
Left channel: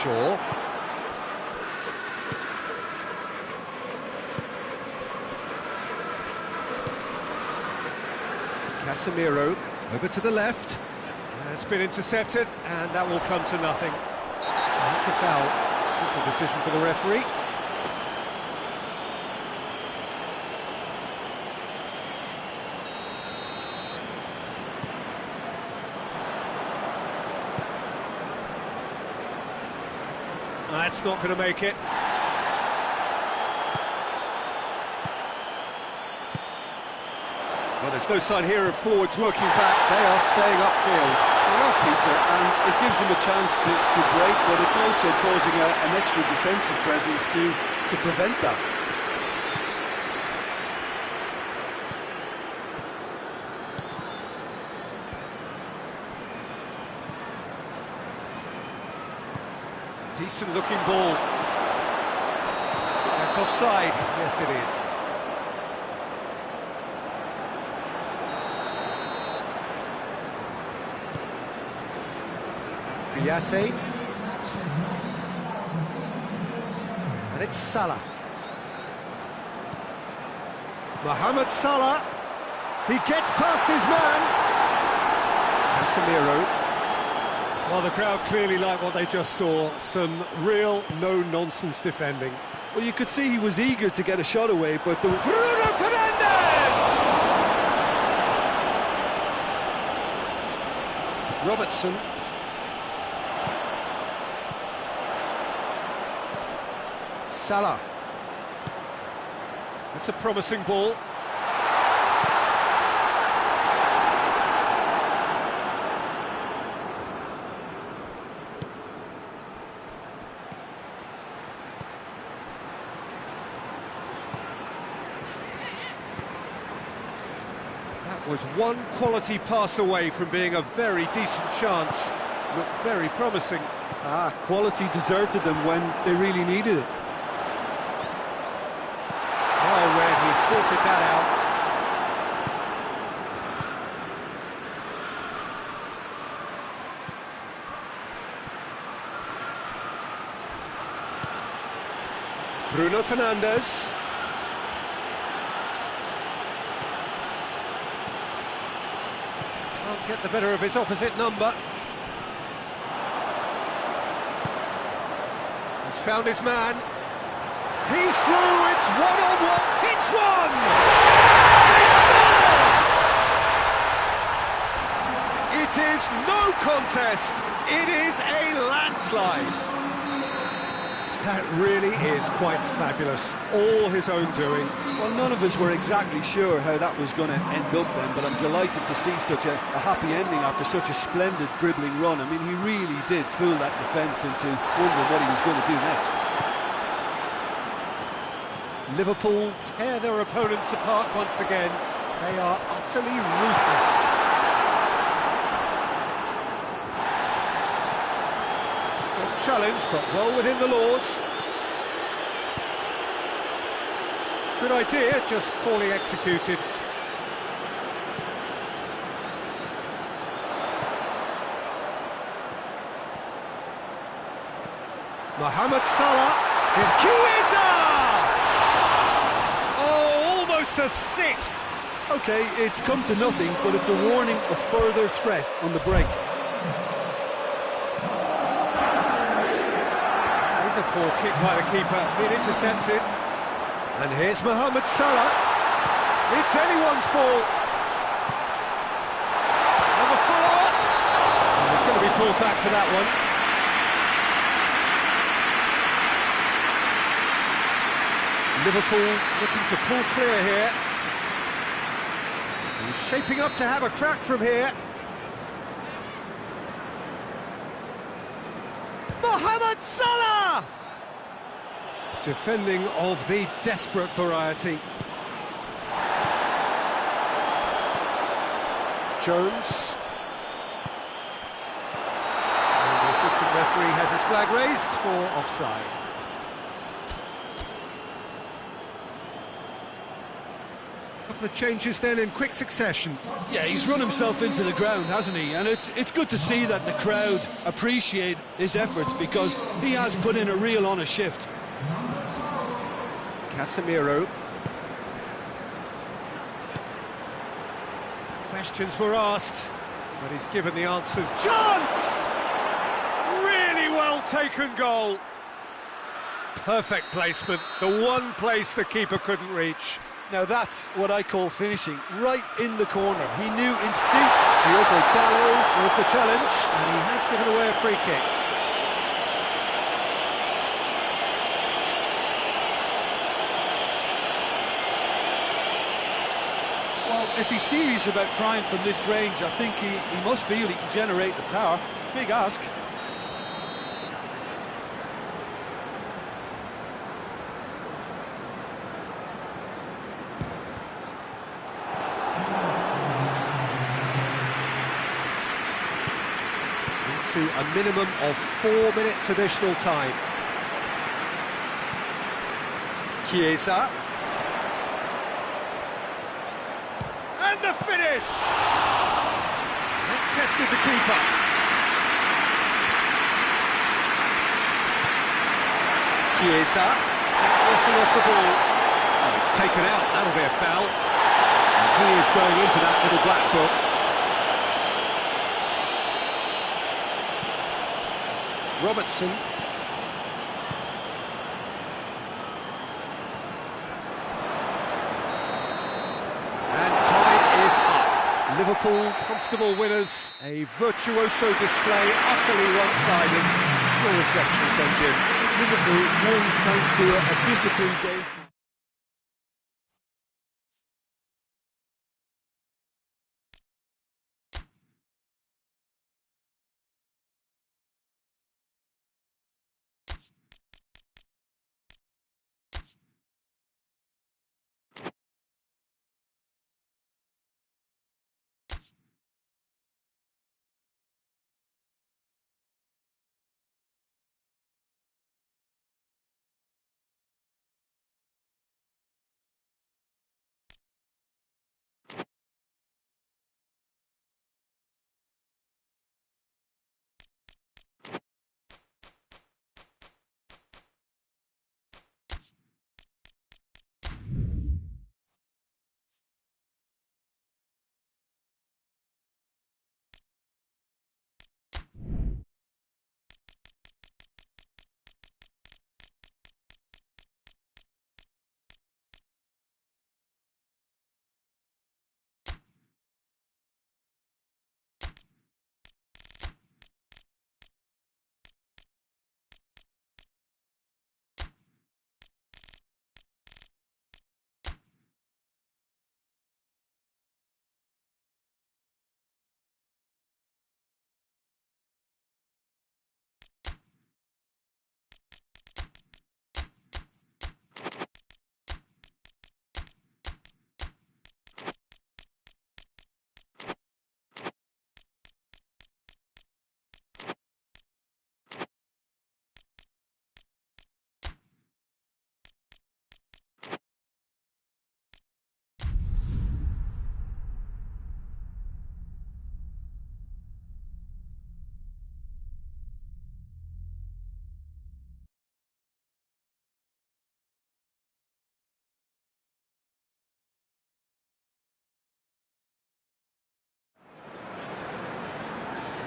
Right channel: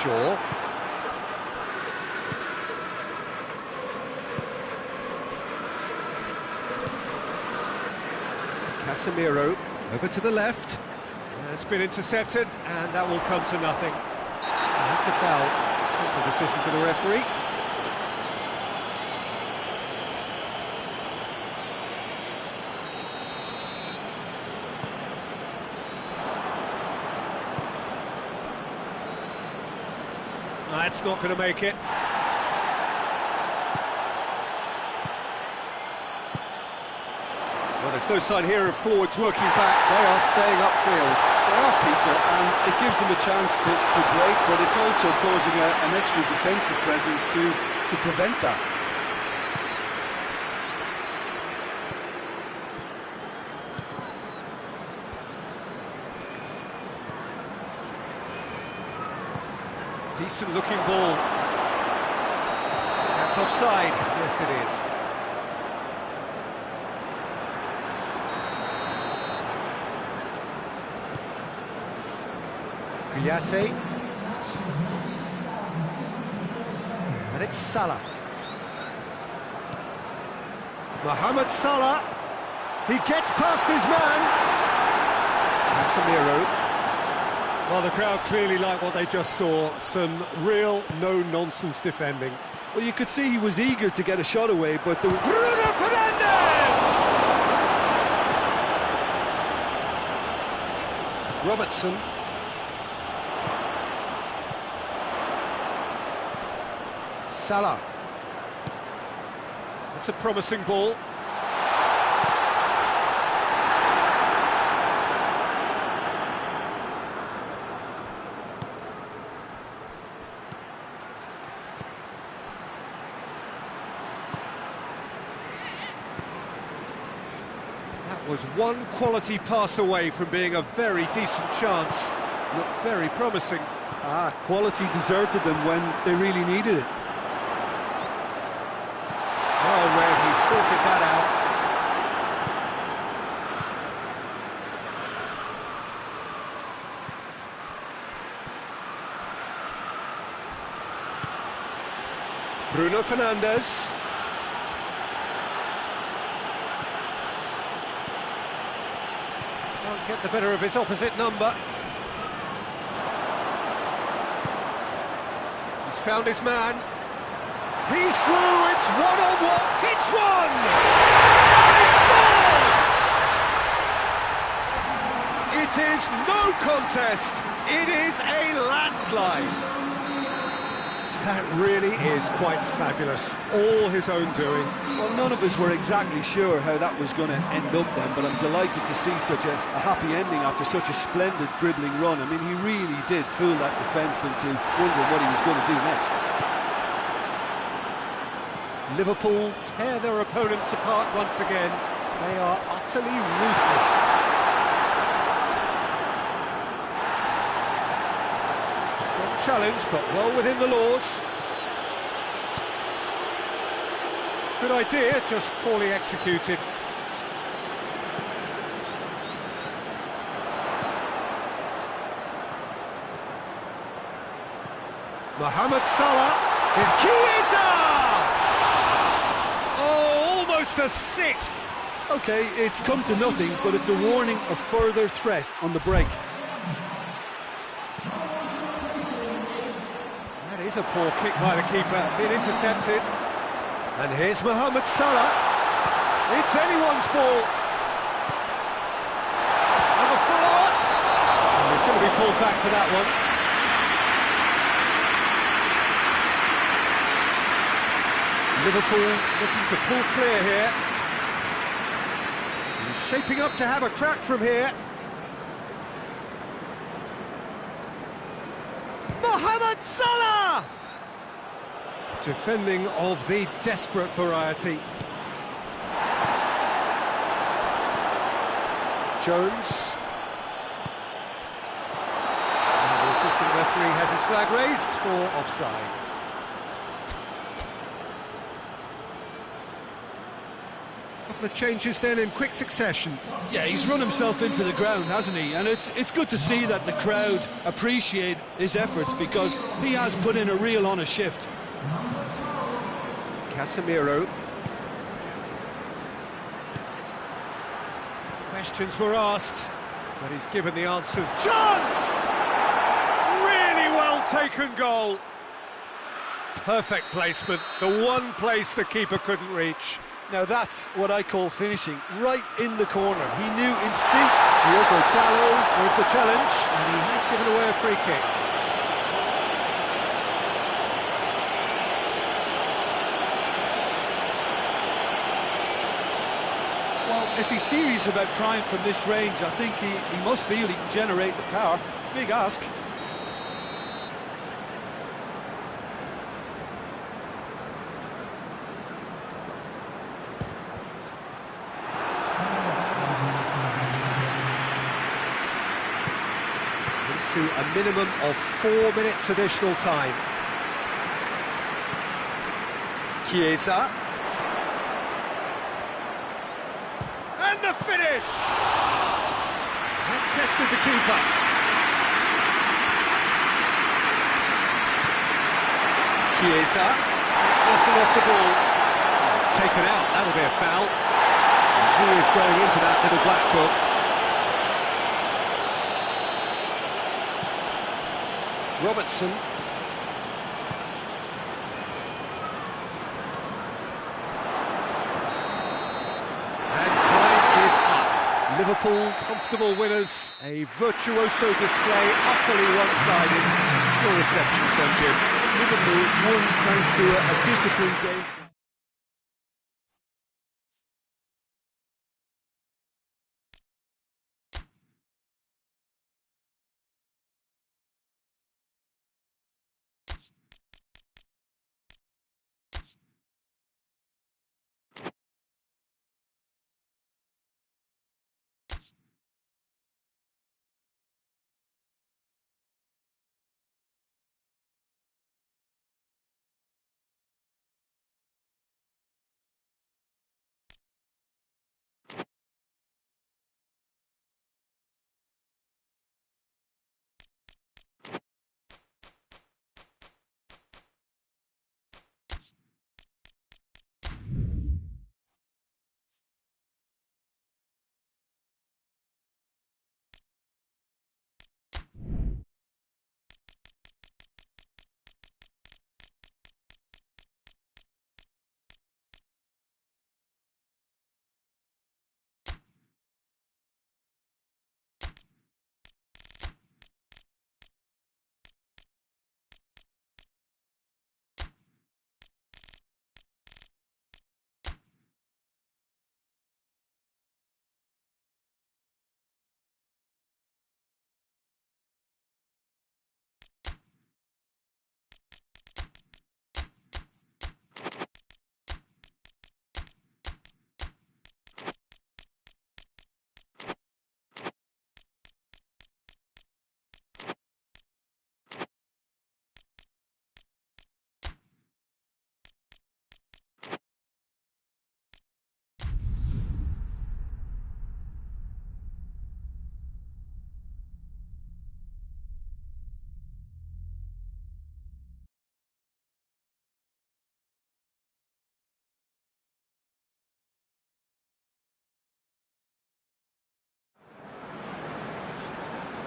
Shaw. Casemiro over to the left. It's been intercepted, and that will come to nothing. That's a foul. Simple decision for the referee. That's not going to make it. Well, there's no sign here of forwards working back. They are staying upfield. They are, Peter, and it gives them a chance to break, but it's also causing an extra defensive presence to prevent that. Decent looking ball. That's offside. Yes, it is. Kouyaté. And it's Salah. Mohamed Salah. He gets past his man. Casemiro. Well, the crowd clearly like what they just saw. Some real no-nonsense defending. Well, you could see he was eager to get a shot away, but the... Bruno Fernandes! Robertson. Salah. That's a promising ball. That was one quality pass away from being a very decent chance. Looked very promising. Quality deserted them when they really needed it. Well read, he sorted that out. Bruno Fernandes. Can't get the better of his opposite number. He's found his man. He's through, it's one-on-one, hits one! They scored! It is no contest, it is a landslide. That really is quite fabulous, all his own doing. Well, none of us were exactly sure how that was going to end up then, but I'm delighted to see such a happy ending after such a splendid dribbling run. I mean, he really did fool that defence into wondering what he was going to do next. Liverpool tear their opponents apart once again. They are utterly ruthless. Strong challenge, but well within the laws. Good idea, just poorly executed. Mohamed Salah in Chiesa! Oh, almost a sixth! OK, it's come to nothing, but it's a warning of further threat on the break. That Here's a poor kick by the keeper, being intercepted. And here's Mohamed Salah. It's anyone's ball. And the follow-up. And he's going to be pulled back for that one. Liverpool looking to pull clear here. He's shaping up to have a crack from here. Mohamed Salah! Defending of the desperate variety. Jones. And the assistant referee has his flag raised for offside. Couple of changes then in quick succession. Yeah, he's run himself into the ground, hasn't he? And it's good to see that the crowd appreciate his efforts, because he has put in a real honest shift. Casemiro. Questions were asked, but he's given the answers. Chance! Really well taken goal. Perfect placement, the one place the keeper couldn't reach. Now that's what I call finishing, right in the corner. He knew instinct. Diogo Dalot with the challenge, and he has given away a free kick. Well, if he's serious about trying from this range, I think he must feel he can generate the power. Big ask. Into a minimum of 4 minutes additional time. Chiesa. And the finish! That tested the keeper. Chiesa. That's wrestled off the ball. Oh, it's taken out. That'll be a foul. And he is going into that little black book. Robertson. And time is up. Liverpool comfortable winners. A virtuoso display, utterly one-sided. Your reflections then, Jim? Liverpool won thanks to a disciplined game.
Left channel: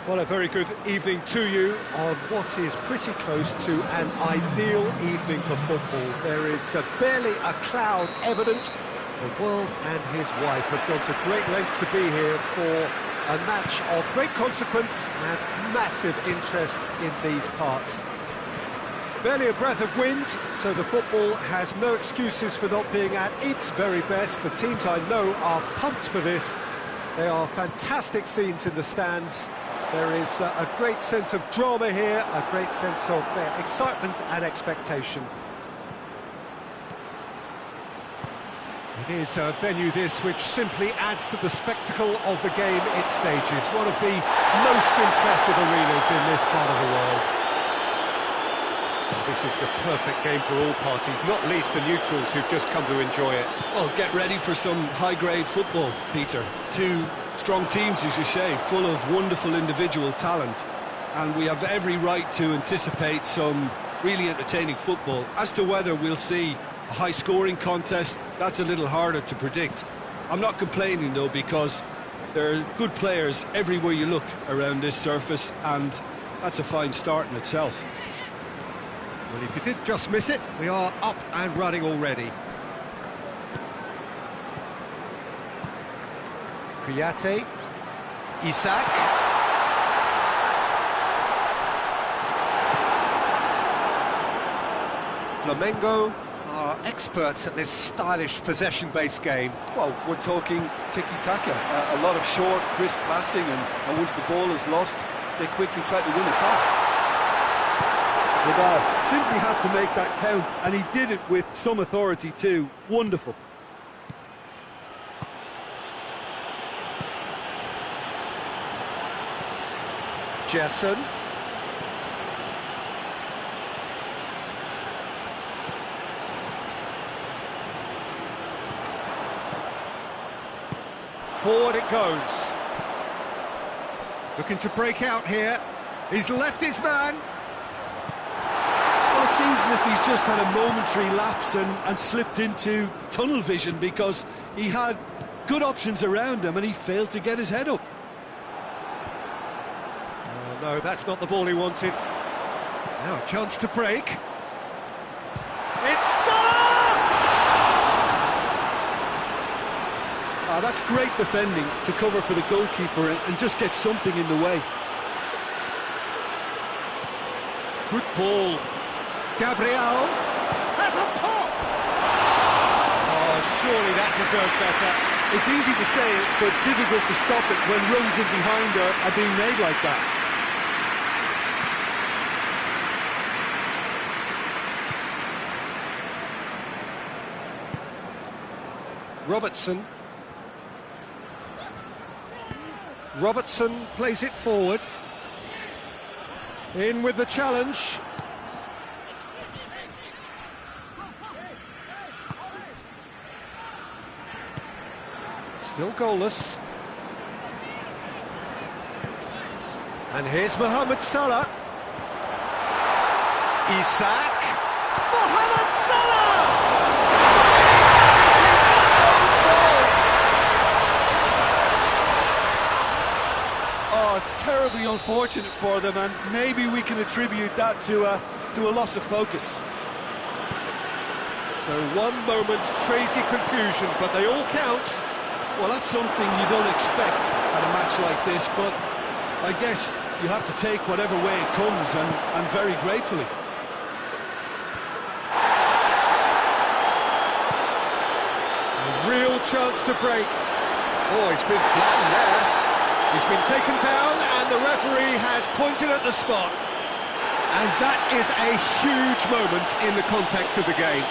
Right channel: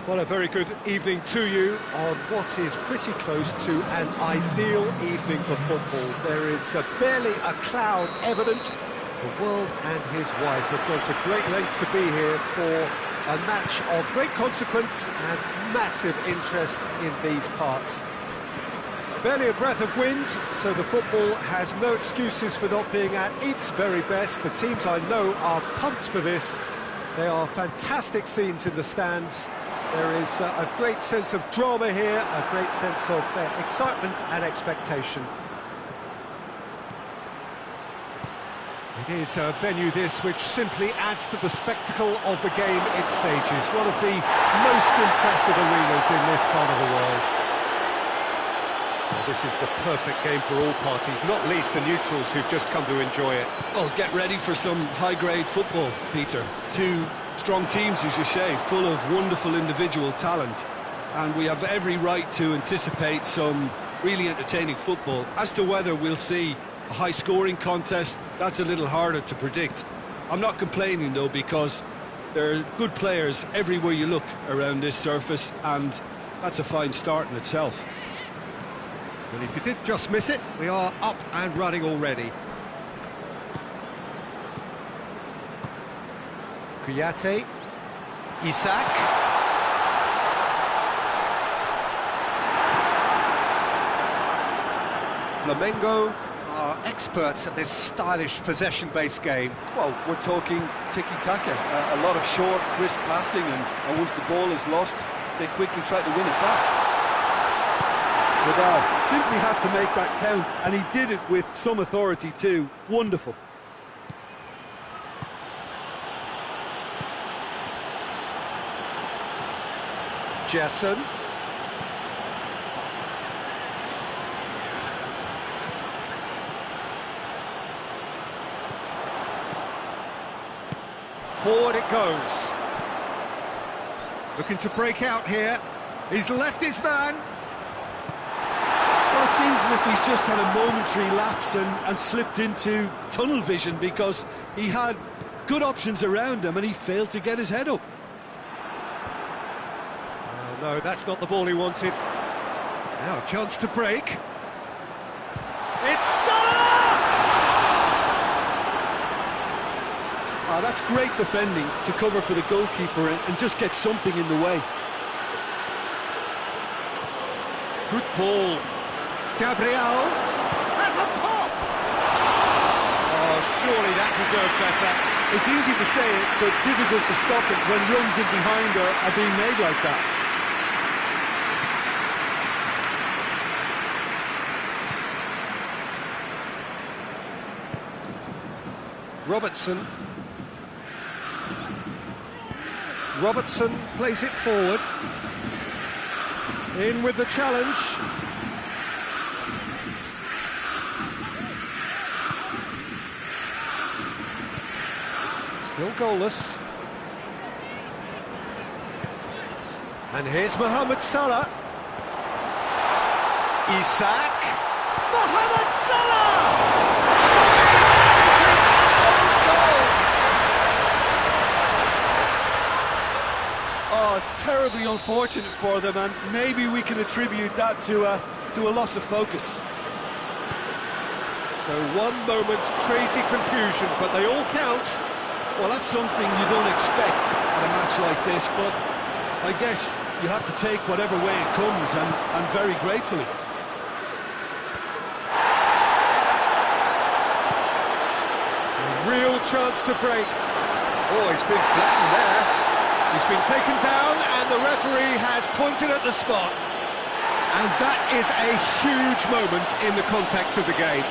Well, a very good evening to you on what is pretty close to an ideal evening for football. There is barely a cloud evident. The world and his wife have gone to great lengths to be here for a match of great consequence and massive interest in these parts. Barely a breath of wind, so the football has no excuses for not being at its very best. The teams I know are pumped for this. There are fantastic scenes in the stands. There is a great sense of drama here, a great sense of excitement and expectation. It is a venue this which simply adds to the spectacle of the game it stages. One of the most impressive arenas in this part of the world. Well, this is the perfect game for all parties, not least the neutrals who've just come to enjoy it. Well, get ready for some high-grade football, Peter. Two strong teams, as you say, full of wonderful individual talent. And we have every right to anticipate some really entertaining football. As to whether we'll see a high-scoring contest, that's a little harder to predict. I'm not complaining, though, because there are good players everywhere you look around this surface, and that's a fine start in itself. Well, if you did just miss it, we are up and running already. Kouyaté, Isak. Flamengo are experts at this stylish possession-based game. Well, we're talking tiki-taka, a lot of short, crisp passing, and once the ball is lost, they quickly try to win it back. Vidal simply had to make that count, and he did it with some authority too. Wonderful. Jason. Forward it goes. Looking to break out here. He's left his man. Well, it seems as if he's just had a momentary lapse and slipped into tunnel vision, because he had good options around him and he failed to get his head up. Oh, no, that's not the ball he wanted. Now a chance to break. It's Salah! That's great defending to cover for the goalkeeper and just get something in the way. Good ball. Gabriel has a pop! Oh, surely that deserved better. It's easy to say it, but difficult to stop it when runs in behind are being made like that. Robertson plays it forward. In with the challenge. Still goalless. And here's Mohamed Salah. Isak. Mohamed Salah! It is an own goal! Oh, it's terribly unfortunate for them, and maybe we can attribute that to a loss of focus. So one moment's crazy confusion, but they all count. Well, that's something you don't expect at a match like this, but I guess you have to take whatever way it comes, and very gratefully. A real chance to break. Oh, he's been flattened there. He's been taken down, and the referee has pointed at the spot. And that is a huge moment in the context of the game.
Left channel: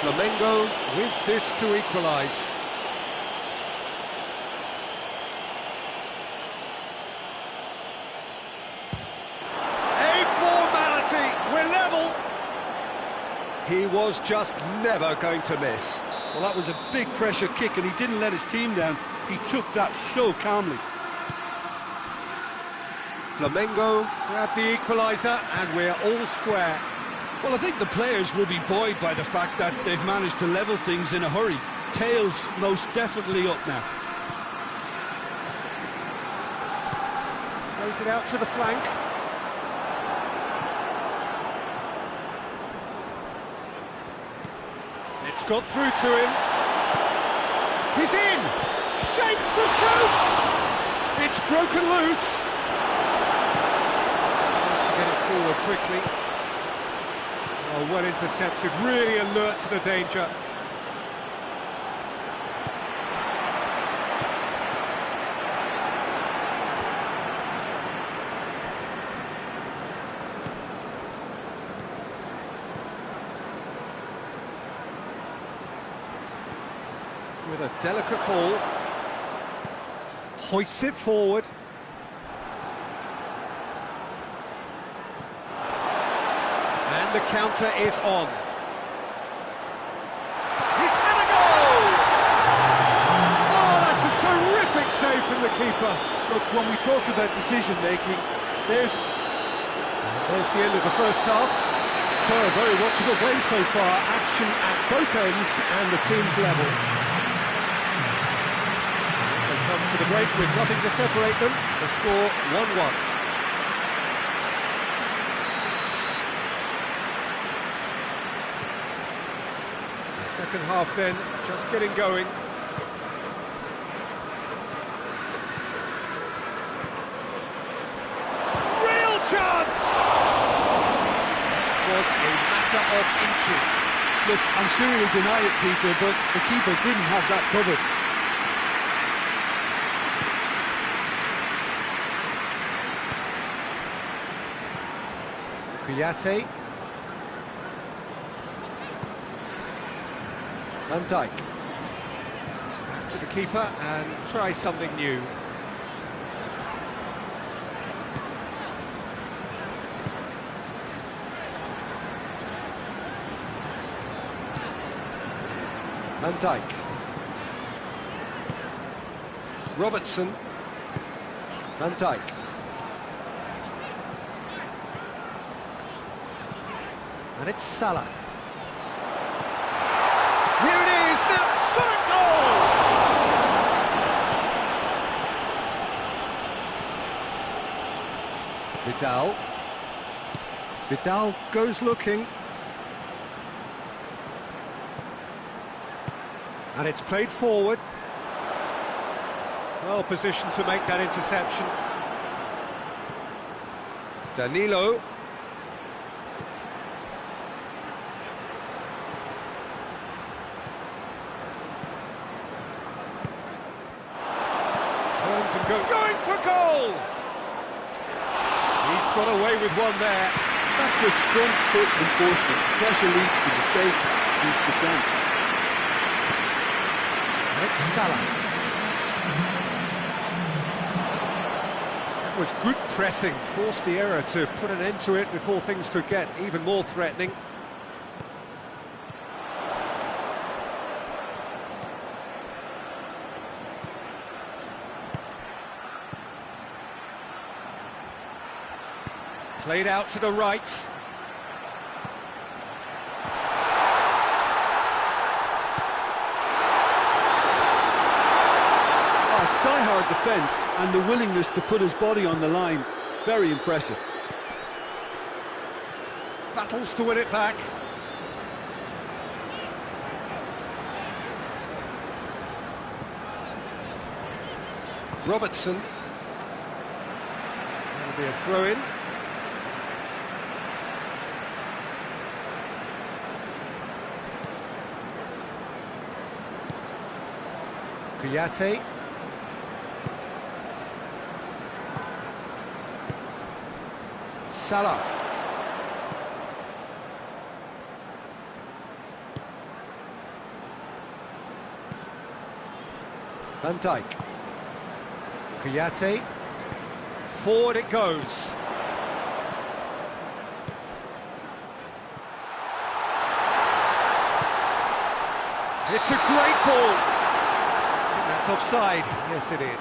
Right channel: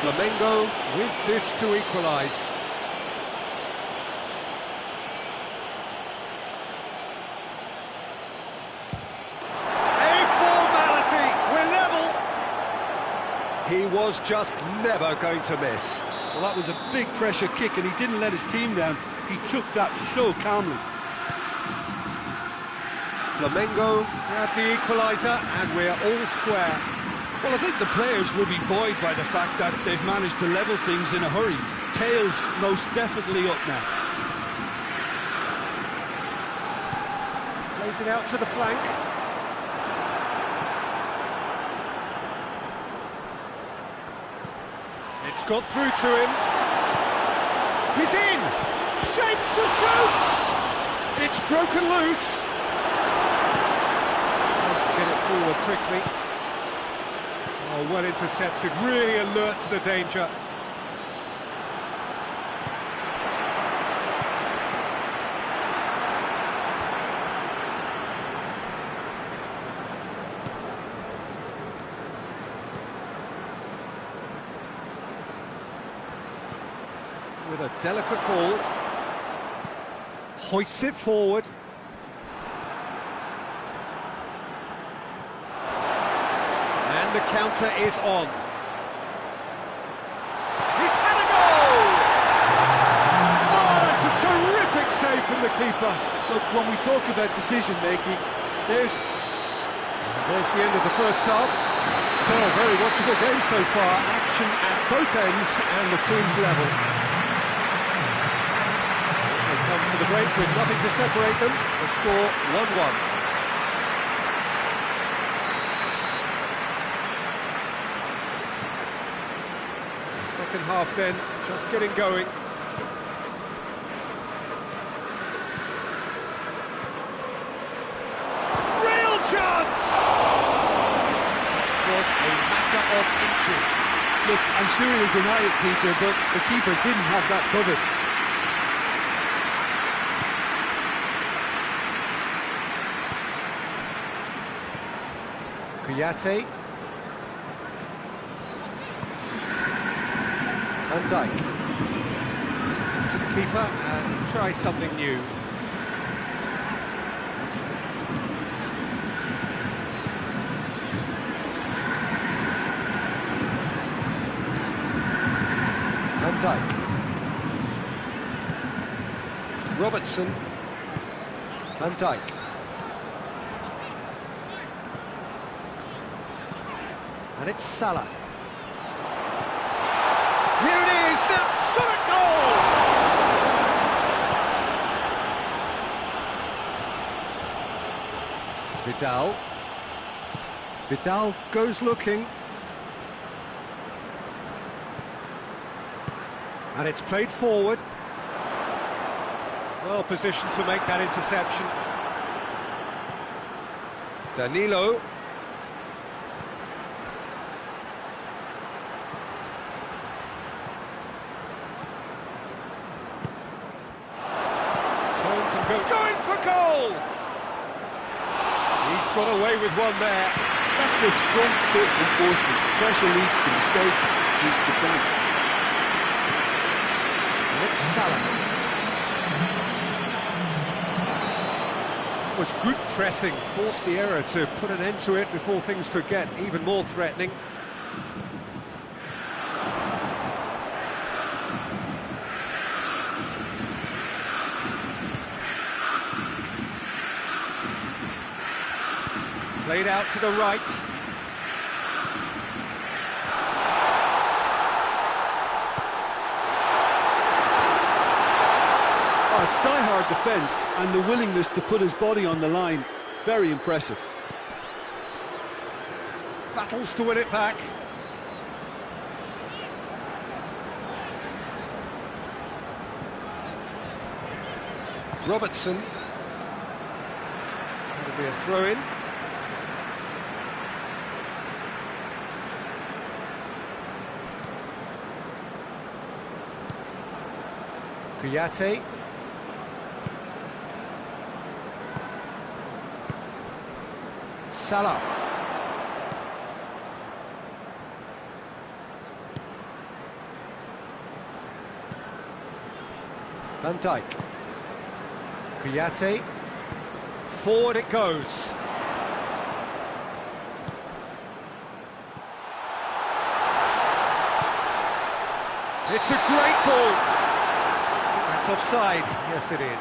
Flamengo with this to equalise. A formality, we're level. He was just never going to miss. Well, that was a big pressure kick, and he didn't let his team down. He took that so calmly. Flamengo grab the equaliser, and we're all square. Well, I think the players will be buoyed by the fact that they've managed to level things in a hurry. Tails most definitely up now. Plays it out to the flank. It's got through to him. He's in! Shapes to shoot! It's broken loose. Tries to get it forward quickly. Oh, well intercepted, really alert to the danger. With a delicate ball, hoists it forward. And the counter is on. He's had a goal! Oh, that's a terrific save from the keeper. Look, when we talk about decision-making, there's the end of the first half. So, a very watchable game so far. Action at both ends and the team's level. They come for the break with nothing to separate them. The score 1-1. The second half then, just getting going. Real chance! It was a matter of inches. Look, I'm sure he'll deny it, Peter, but the keeper didn't have that covered. Kuyate. Van Dijk. To the keeper and try something new. Van Dijk. Robertson. Van Dijk. And it's Salah. Here it is, now shot at goal! Vidal. Vidal goes looking. And it's played forward. Well positioned to make that interception. Danilo. Turns and going for goal! He's got away with one there. That's just front foot enforcement. Pressure leads to mistake, leads to chance. And it's Salah. That was good pressing, forced the error to put an end to it before things could get even more threatening. Played out to the right. Oh, it's die-hard defence and the willingness to put his body on the line. Very impressive. Battles to win it back. Robertson. That'll be a throw-in. Kuyate. Salah. Van Dijk. Kuyate. Forward it goes. It's a great ball. I think that's offside. Yes, it is.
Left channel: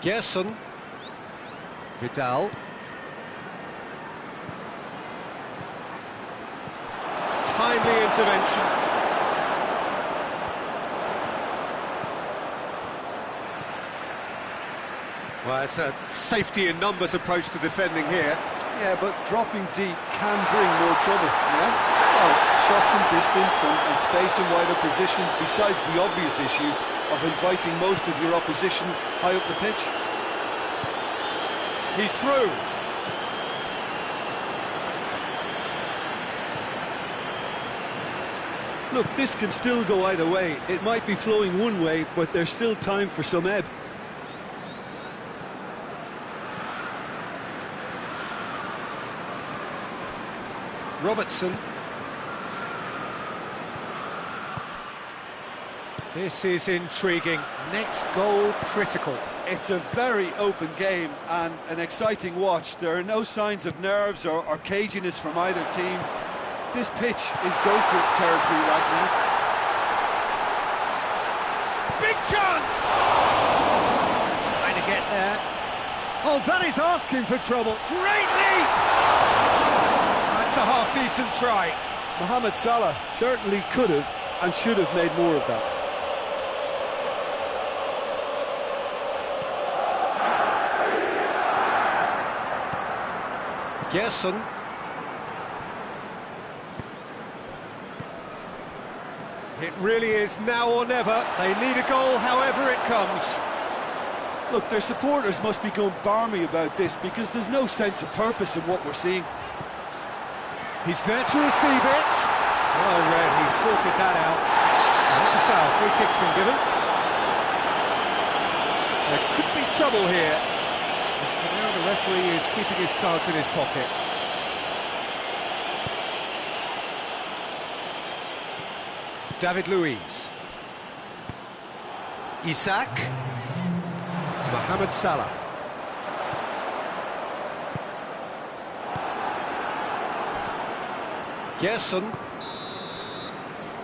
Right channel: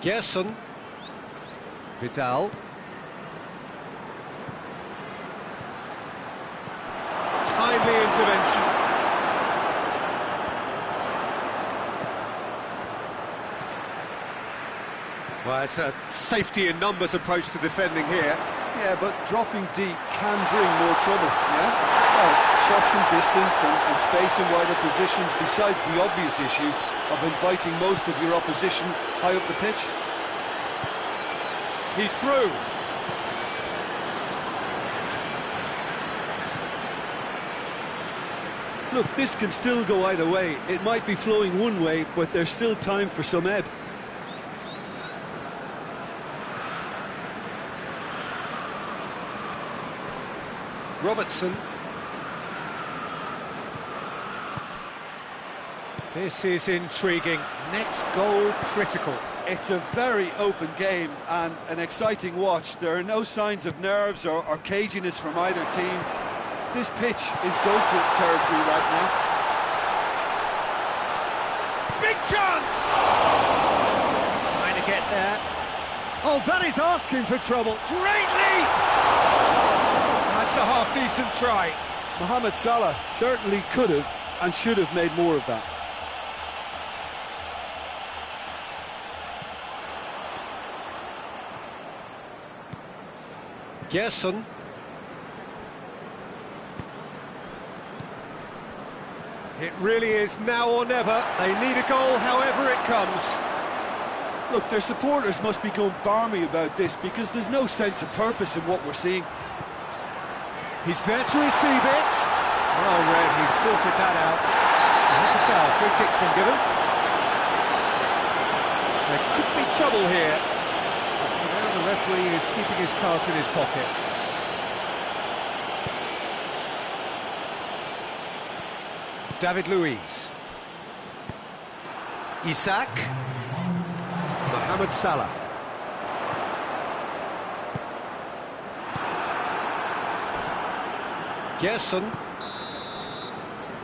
Gerson. Vidal. timely intervention. Well, it's a safety in numbers approach to defending here. Yeah, but dropping deep can bring more trouble, yeah? Well, shots from distance and space in wider positions, besides the obvious issue of inviting most of your opposition high up the pitch. He's through. Look, this can still go either way. It might be flowing one way, but there's still time for some ebb. Robertson. This is intriguing. Next goal critical. It's a very open game and an exciting watch. There are no signs of nerves or caginess from either team. This pitch is go-for-it territory right now. Big chance! Trying to get there. Oh, that is asking for trouble. Great leap! That's a half-decent try. Mohamed Salah certainly could have and should have made more of that. Gerson. It really is now or never. They need a goal however it comes. Look, their supporters must be going barmy about this because there's no sense of purpose in what we're seeing. He's there to receive it. Well read, he's sorted that out. And that's a foul, free kick's been given. There could be trouble here. But for now the referee is keeping his cards in his pocket. David Luiz. Isak. Mohamed Salah. Gerson.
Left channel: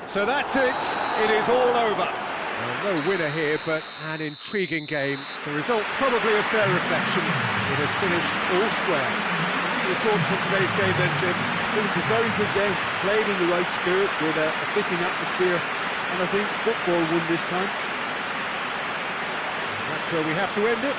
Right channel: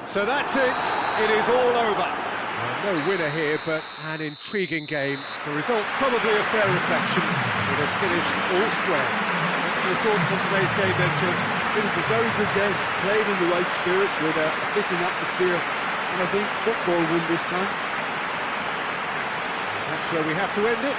So that's it. It is all over. Well, no winner here, but an intriguing game. The result probably a fair reflection. It has finished all square. What are your thoughts on today's game then, Jim? It was a very good game, played in the right spirit with a fitting atmosphere, and I think football won this time. And that's where we have to end it.